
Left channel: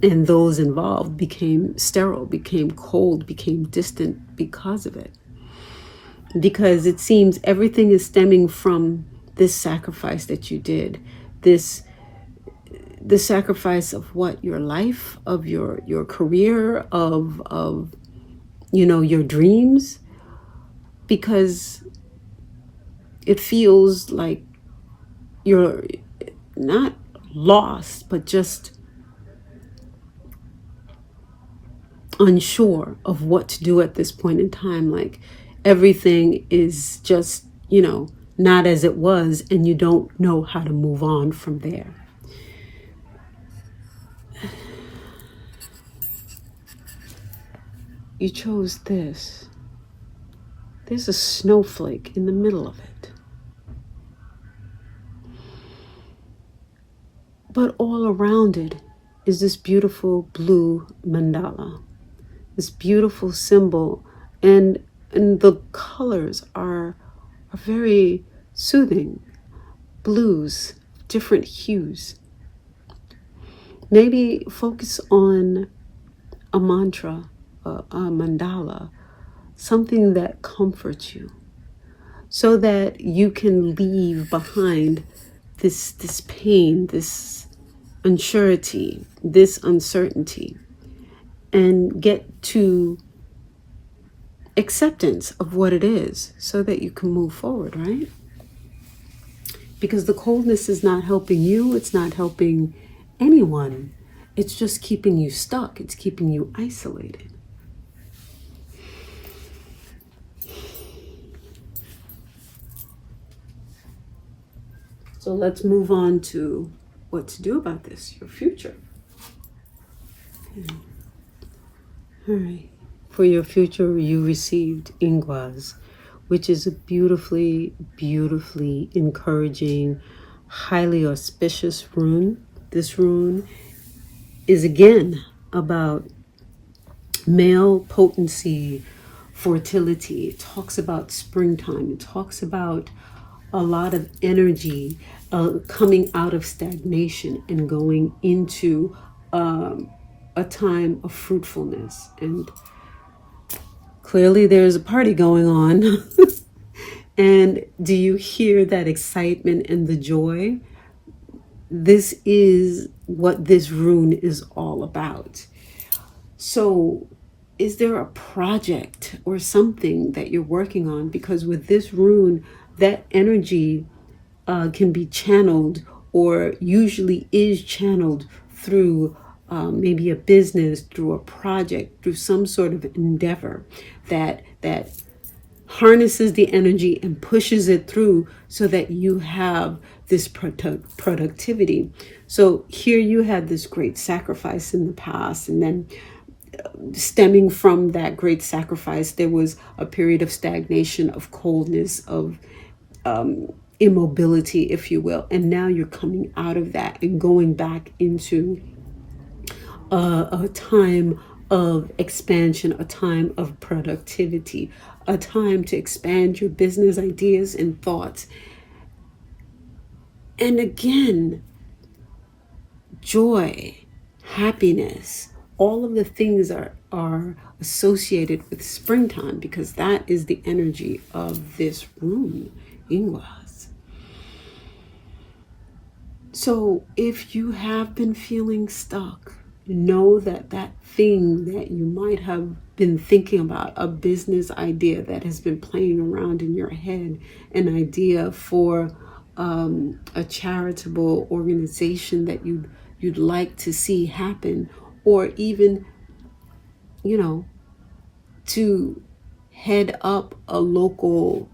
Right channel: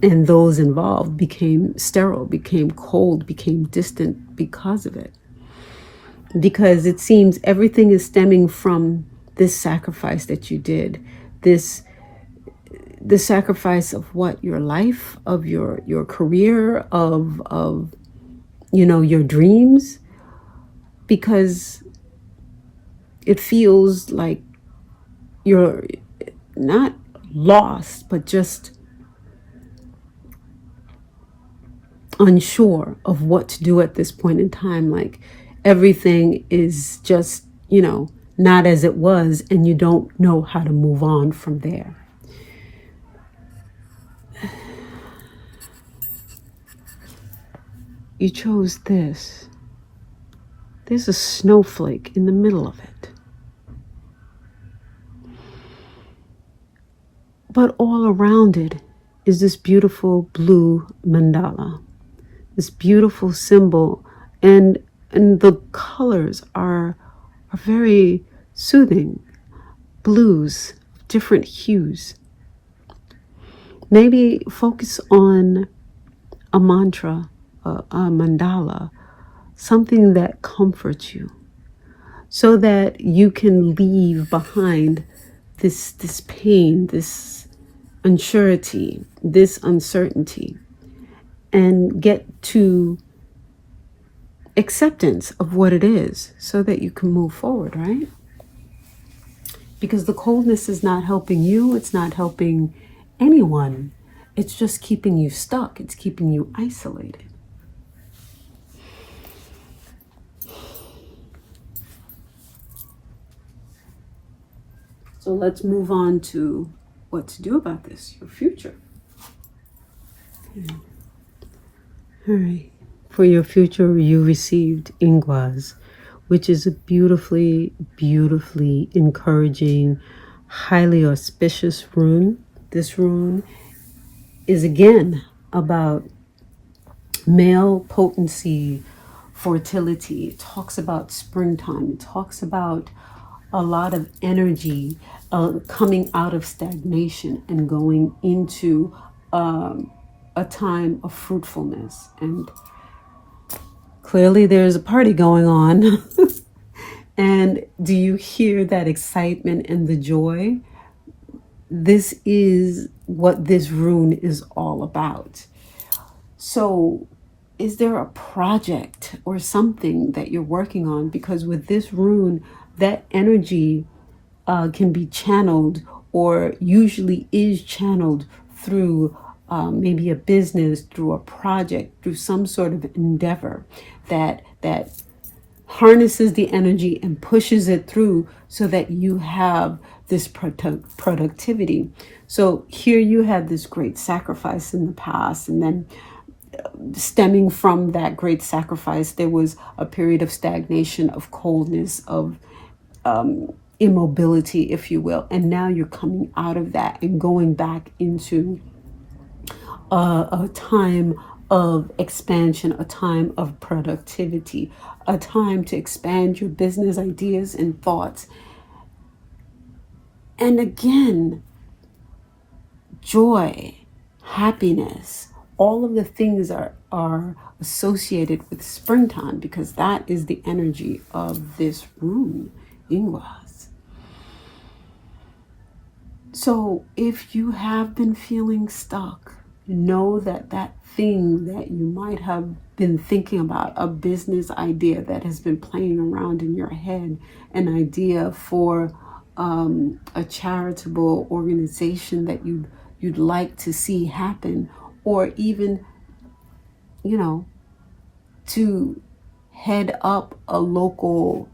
and those involved became sterile, became cold, became distant because of it? Because it seems everything is stemming from this sacrifice that you did. The sacrifice of what? Your life, of your career, of your dreams. Because it feels like you're not lost, but just unsure of what to do at this point in time. Like everything is just, not as it was, and you don't know how to move on from there. You chose this. There's a snowflake in the middle of it. But all around it is this beautiful blue mandala, this beautiful symbol, and the colors are very soothing. Blues, different hues. Maybe focus on a mantra, a mandala, something that comforts you, so that you can leave behind this pain, this unsurety, this uncertainty, and get to acceptance of what it is, so that you can move forward, right? Because the coldness is not helping you, it's not helping anyone. It's just keeping you stuck, it's keeping you isolated. So let's move on to what to do about this, your future. All right. For your future, you received Ingwaz, which is a beautifully, beautifully encouraging, highly auspicious rune. This rune is again about male potency, fertility. It talks about springtime. It talks about a lot of energy coming out of stagnation and going into a time of fruitfulness. And clearly there's a party going on. And do you hear that excitement and the joy? This is what this rune is all about. So is there a project or something that you're working on? Because with this rune, that energy can be channeled, or usually is channeled through maybe a business, through a project, through some sort of endeavor that harnesses the energy and pushes it through so that you have this productivity. So here you had this great sacrifice in the past, and then stemming from that great sacrifice, there was a period of stagnation, of coldness, of immobility, if you will. And now you're coming out of that and going back into a time of expansion, a time of productivity, a time to expand your business ideas and thoughts. And again, joy, happiness, all of the things are associated with springtime, because that is the energy of this rune, Ingwaz. So if you have been feeling stuck, know that that thing that you might have been thinking about, a business idea that has been playing around in your head, an idea for a charitable organization that you'd like to see happen, or even, you know, to head up a local,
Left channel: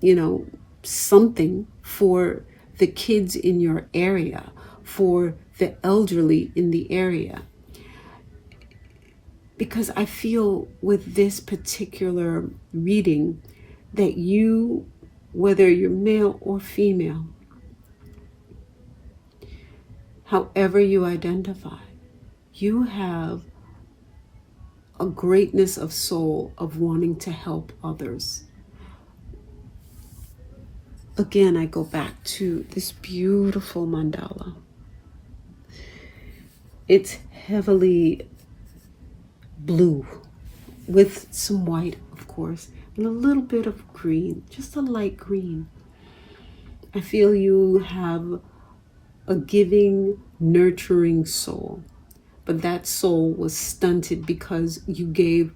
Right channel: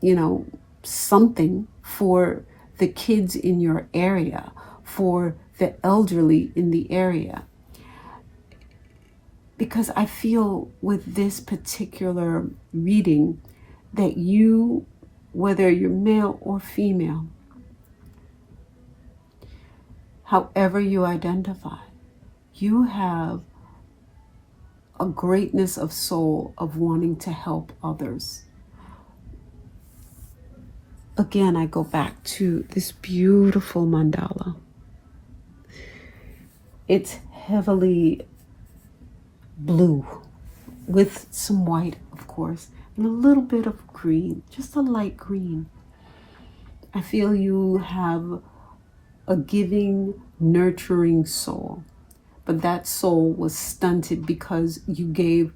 you know, something for the kids in your area, for the elderly in the area. Because I feel with this particular reading that you, whether you're male or female, however you identify, you have a greatness of soul of wanting to help others. Again, I go back to this beautiful mandala. It's heavily blue with some white, of course, and a little bit of green, just a light green. I feel you have a giving, nurturing soul, but that soul was stunted because you gave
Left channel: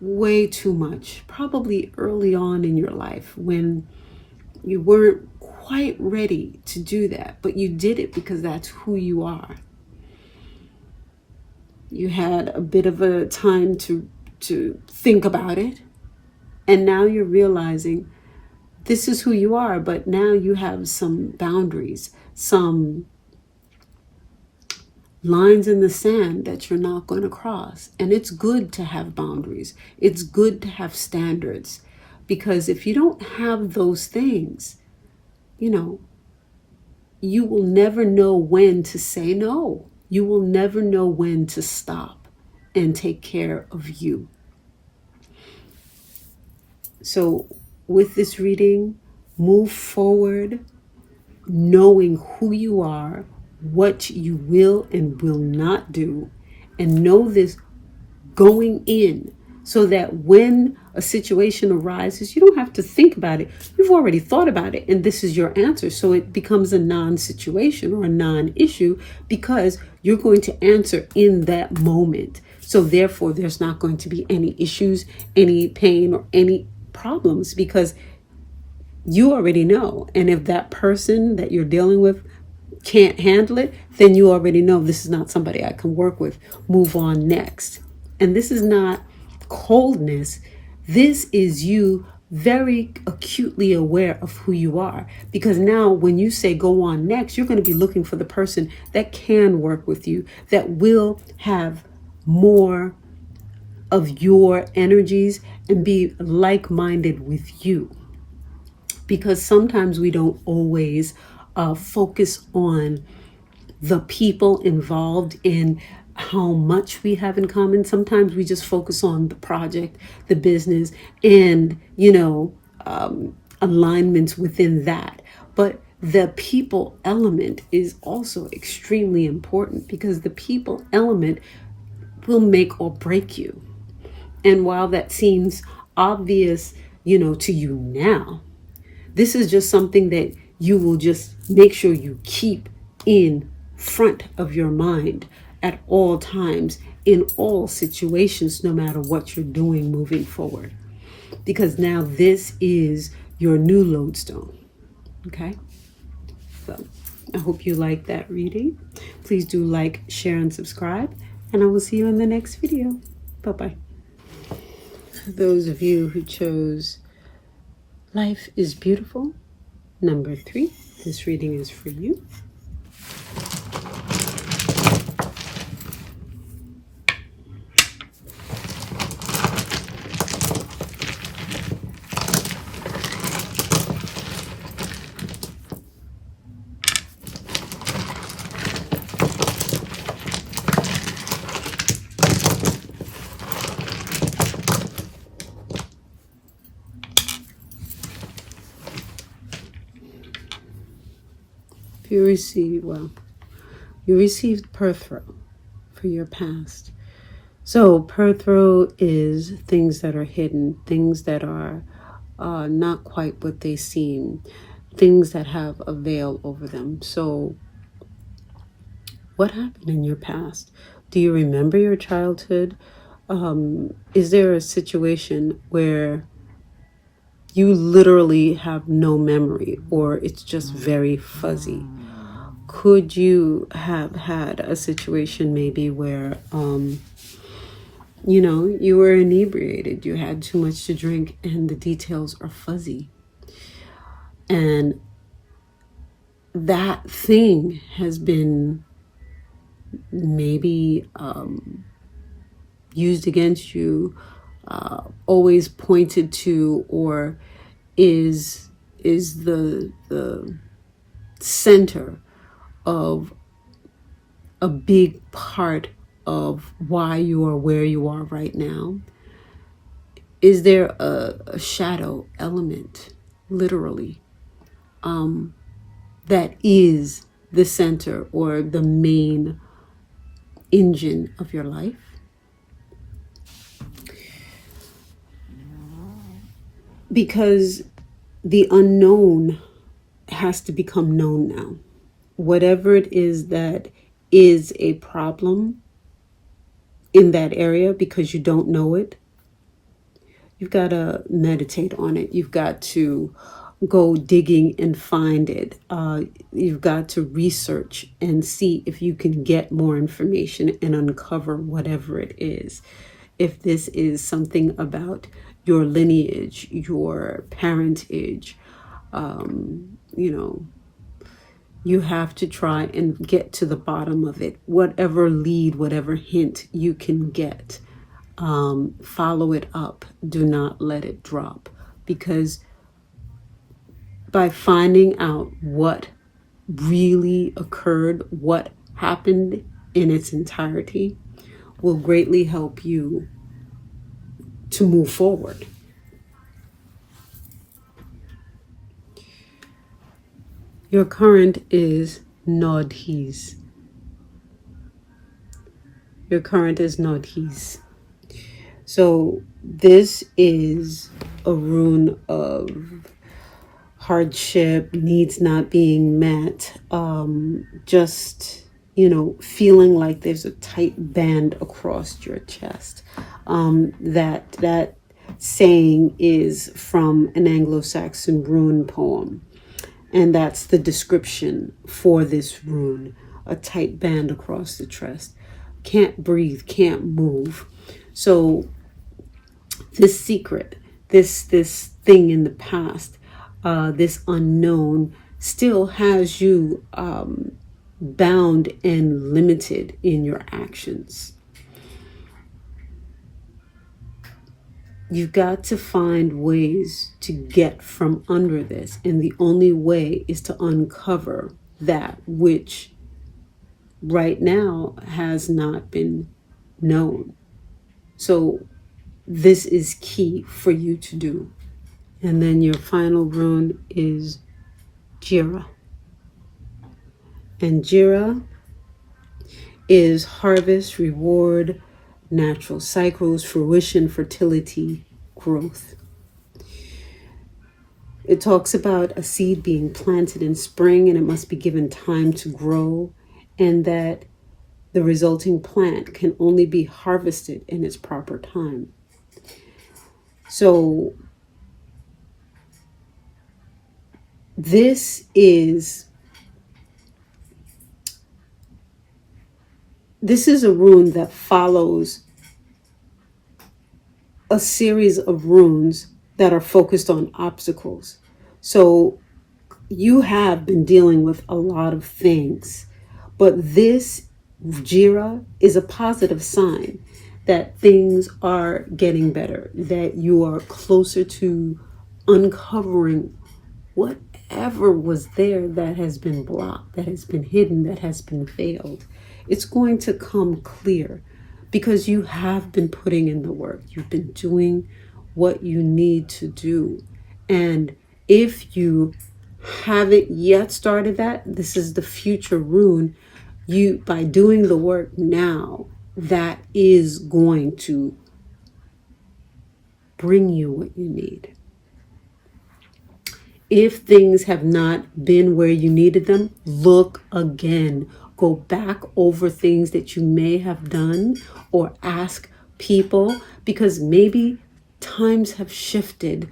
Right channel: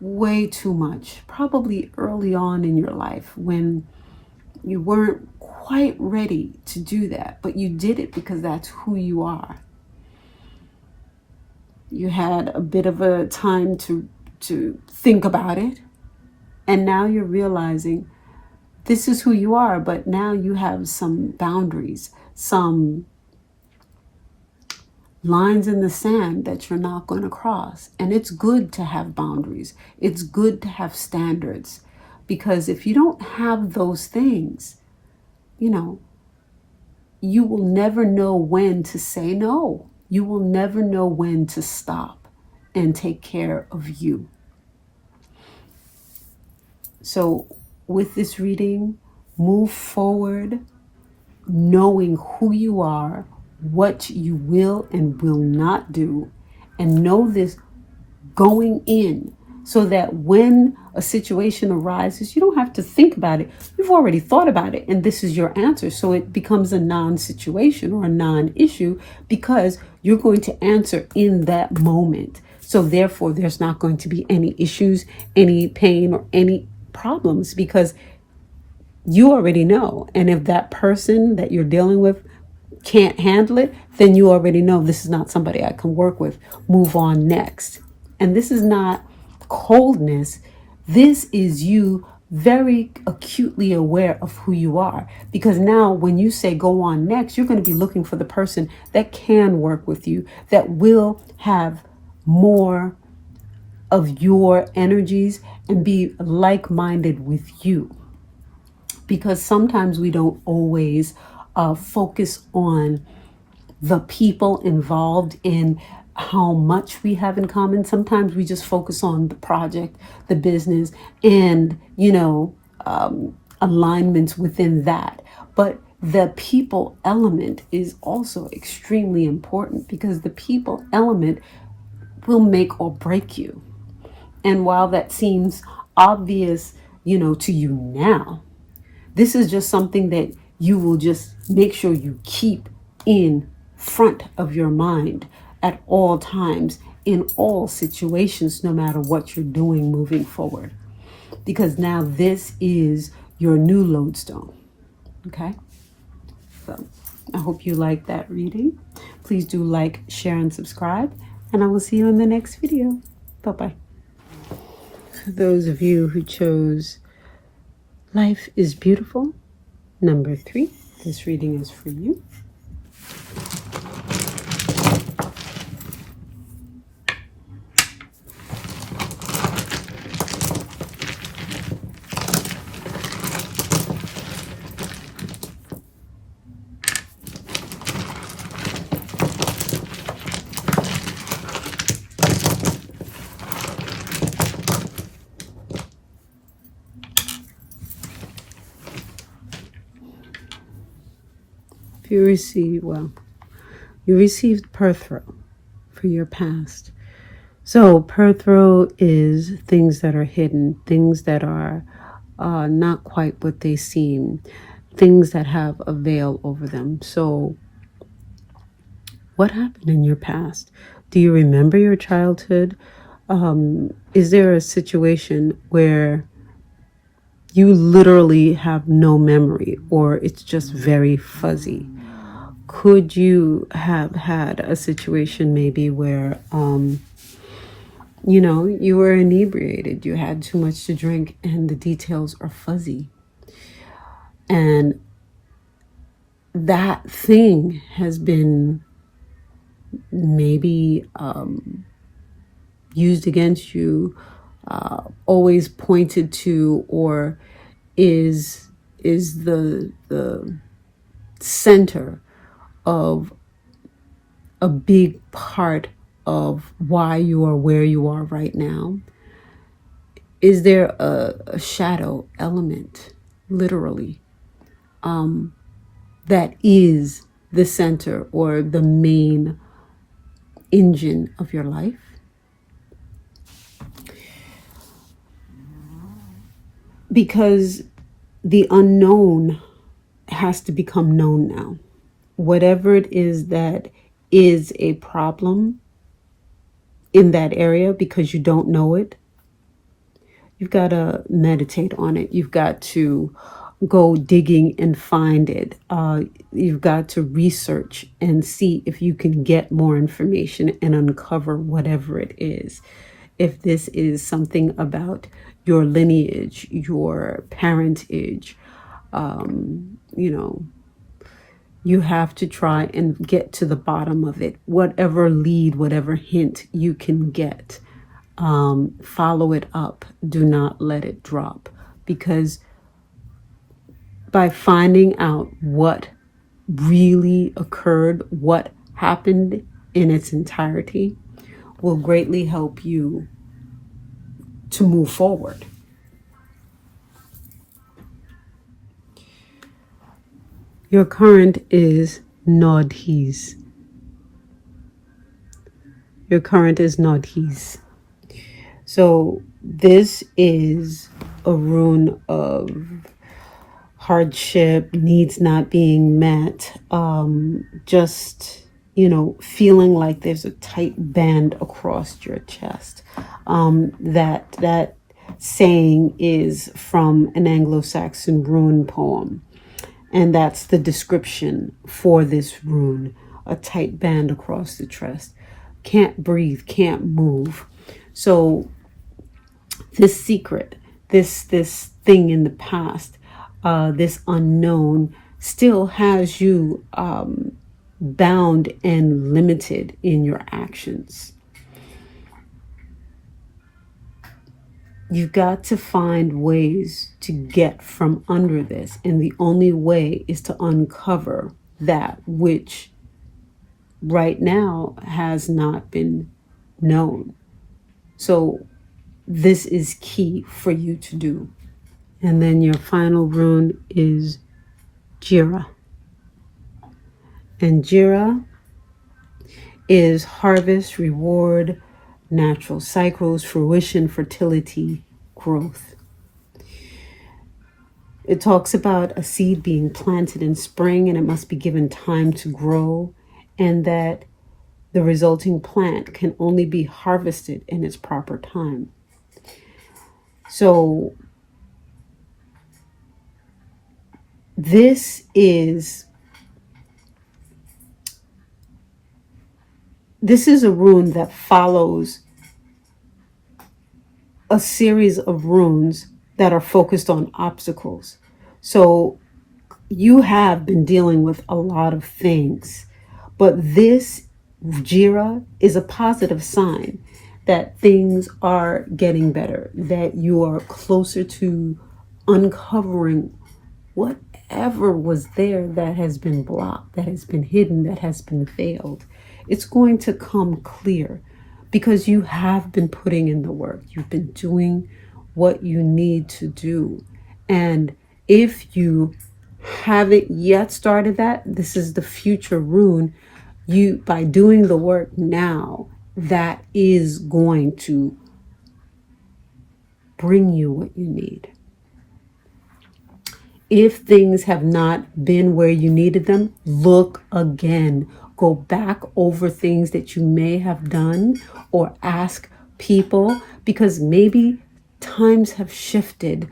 way too much, probably early on in your life when you weren't quite ready to do that, but you did it because that's who you are. You had a bit of a time to think about it, and now you're realizing this is who you are, but now you have some boundaries, some lines in the sand that you're not going to cross. And it's good to have boundaries. It's good to have standards, because if you don't have those things, you know, you will never know when to say no. You will never know when to stop and take care of you. So with this reading, move forward knowing who you are, what you will and will not do, and know this going in, so that when a situation arises, you don't have to think about it. You've already thought about it, and this is your answer. So it becomes a non-situation or a non-issue, because you're going to answer in that moment. So therefore, there's not going to be any issues, any pain, or any problems, because you already know. And if that person that you're dealing with can't handle it, then you already know this is not somebody I can work with. Move on next. And this is not coldness. This is you very acutely aware of who you are, because now when you say go on next, you're going to be looking for the person that can work with you, that will have more of your energies and be like-minded with you. Because sometimes we don't always focus on the people involved in how much we have in common. Sometimes we just focus on the project, the business, and, alignments within that. But the people element is also extremely important, because the people element will make or break you. And while that seems obvious, to you now, this is just something that you will just make sure you keep in front of your mind at all times, in all situations, no matter what you're doing moving forward. Because now this is your new lodestone. Okay? So I hope you like that reading. Please do like, share, and subscribe. And I will see you in the next video. Bye-bye. For those of you who chose Life is Beautiful, number 3, this reading is for you. You received Perthro for your past. So Perthro is things that are hidden, things that are not quite what they seem, things that have a veil over them. So what happened in your past? Do you remember your childhood? Is there a situation where you literally have no memory, or it's just very fuzzy? Could you have had a situation maybe where, you were inebriated, you had too much to drink, and the details are fuzzy? And that thing has been maybe used against you, always pointed to, or is the center of a big part of why you are where you are right now? Is there a shadow element, literally, that is the center or the main engine of your life? Because the unknown has to become known now. Whatever it is that is a problem in that area, because you don't know it, you've got to meditate on it. You've got to go digging and find it. You've got to research and see if you can get more information and uncover whatever it is. If this is something about your lineage, your parentage, you have to try and get to the bottom of it. Whatever lead, whatever hint you can get, follow it up. Do not let it drop, because by finding out what really occurred, what happened in its entirety, will greatly help you to move forward. Your current is Nodhis. Your current is Nodhis. So this is a rune of hardship, needs not being met, just, feeling like there's a tight band across your chest. That saying is from an Anglo-Saxon rune poem. And that's the description for this rune: a tight band across the chest. Can't breathe, can't move. So this secret, this thing in the past, this unknown, still has you bound and limited in your actions. You've got to find ways to get from under this, and the only way is to uncover that which right now has not been known. So this is key for you to do. And then your final rune is Jira. And Jira is harvest, reward, natural cycles, fruition, fertility, growth. It talks about a seed being planted in spring and it must be given time to grow, and that the resulting plant can only be harvested in its proper time. So this is a rune that follows a series of runes that are focused on obstacles. So you have been dealing with a lot of things, but this Jira is a positive sign that things are getting better, that you are closer to uncovering whatever was there that has been blocked, that has been hidden, that has been veiled. It's going to come clear because you have been putting in the work. You've been doing what you need to do. And if you haven't yet started that, this is the future rune. You, by doing the work now, that is going to bring you what you need. If things have not been where you needed them, look again. Go back over things that you may have done, or ask people, because maybe times have shifted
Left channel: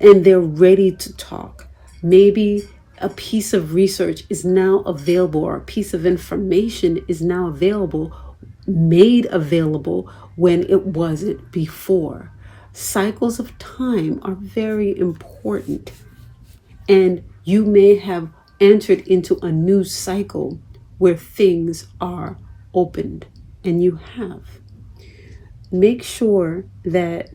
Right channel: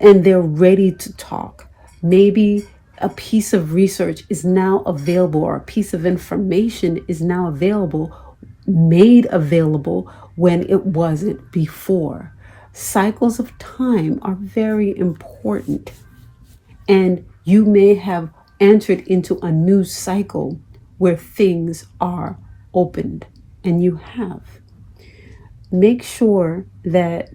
and they're ready to talk. Maybe a piece of research is now available, or a piece of information is now available, made available when it wasn't before. Cycles of time are very important. And you may have entered into a new cycle where things are opened, and you have. Make sure that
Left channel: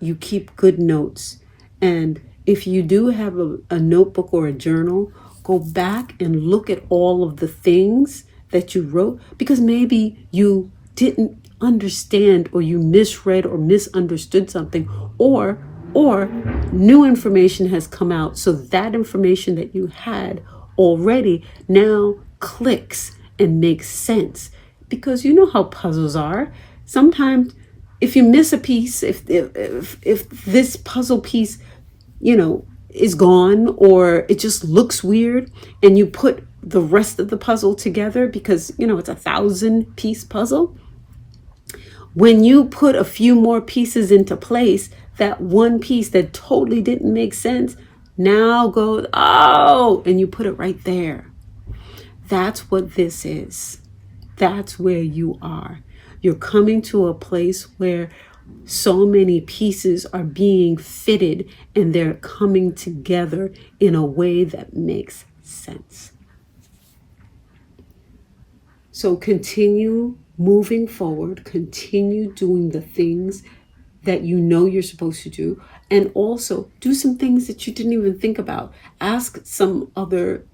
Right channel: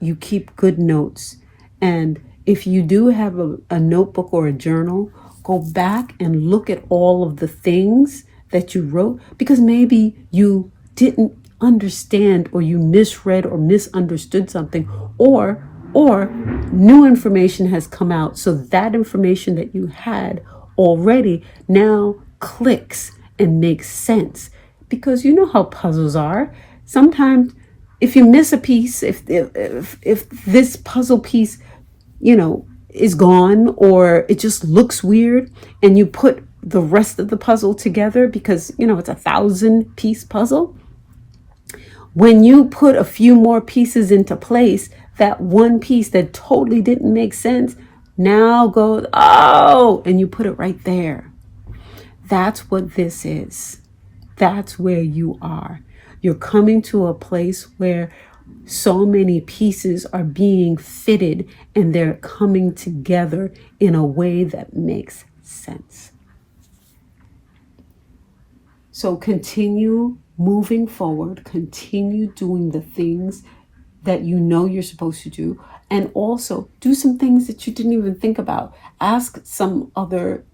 you keep good notes. And if you do have a notebook or a journal, go back and look at all of the things that you wrote, because maybe you didn't understand, or you misread or misunderstood something, or new information has come out. So that information that you had already now clicks and makes sense. Because you know how puzzles are. Sometimes if you miss a piece, if this puzzle piece, is gone, or it just looks weird, and you put the rest of the puzzle together, because it's a 1,000-piece puzzle. When you put a few more pieces into place, that one piece that totally didn't make sense now goes, oh, and you put it right there. That's what this is. That's where you are. You're coming to a place where so many pieces are being fitted, and they're coming together in a way that makes sense. So continue moving forward, continue doing the things that you know you're supposed to do, and also do some things that you didn't even think about. Ask some other,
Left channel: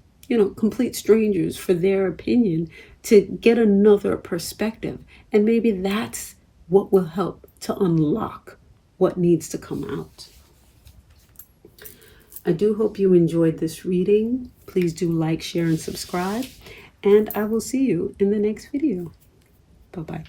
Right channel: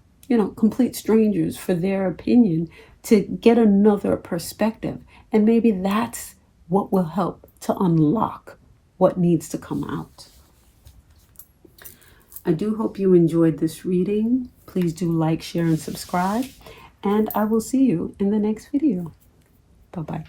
complete strangers for their opinion to get another perspective. And maybe that's what will help to unlock what needs to come out. I do hope you enjoyed this reading. Please do like, share, and subscribe. And I will see you in the next video. Bye-bye.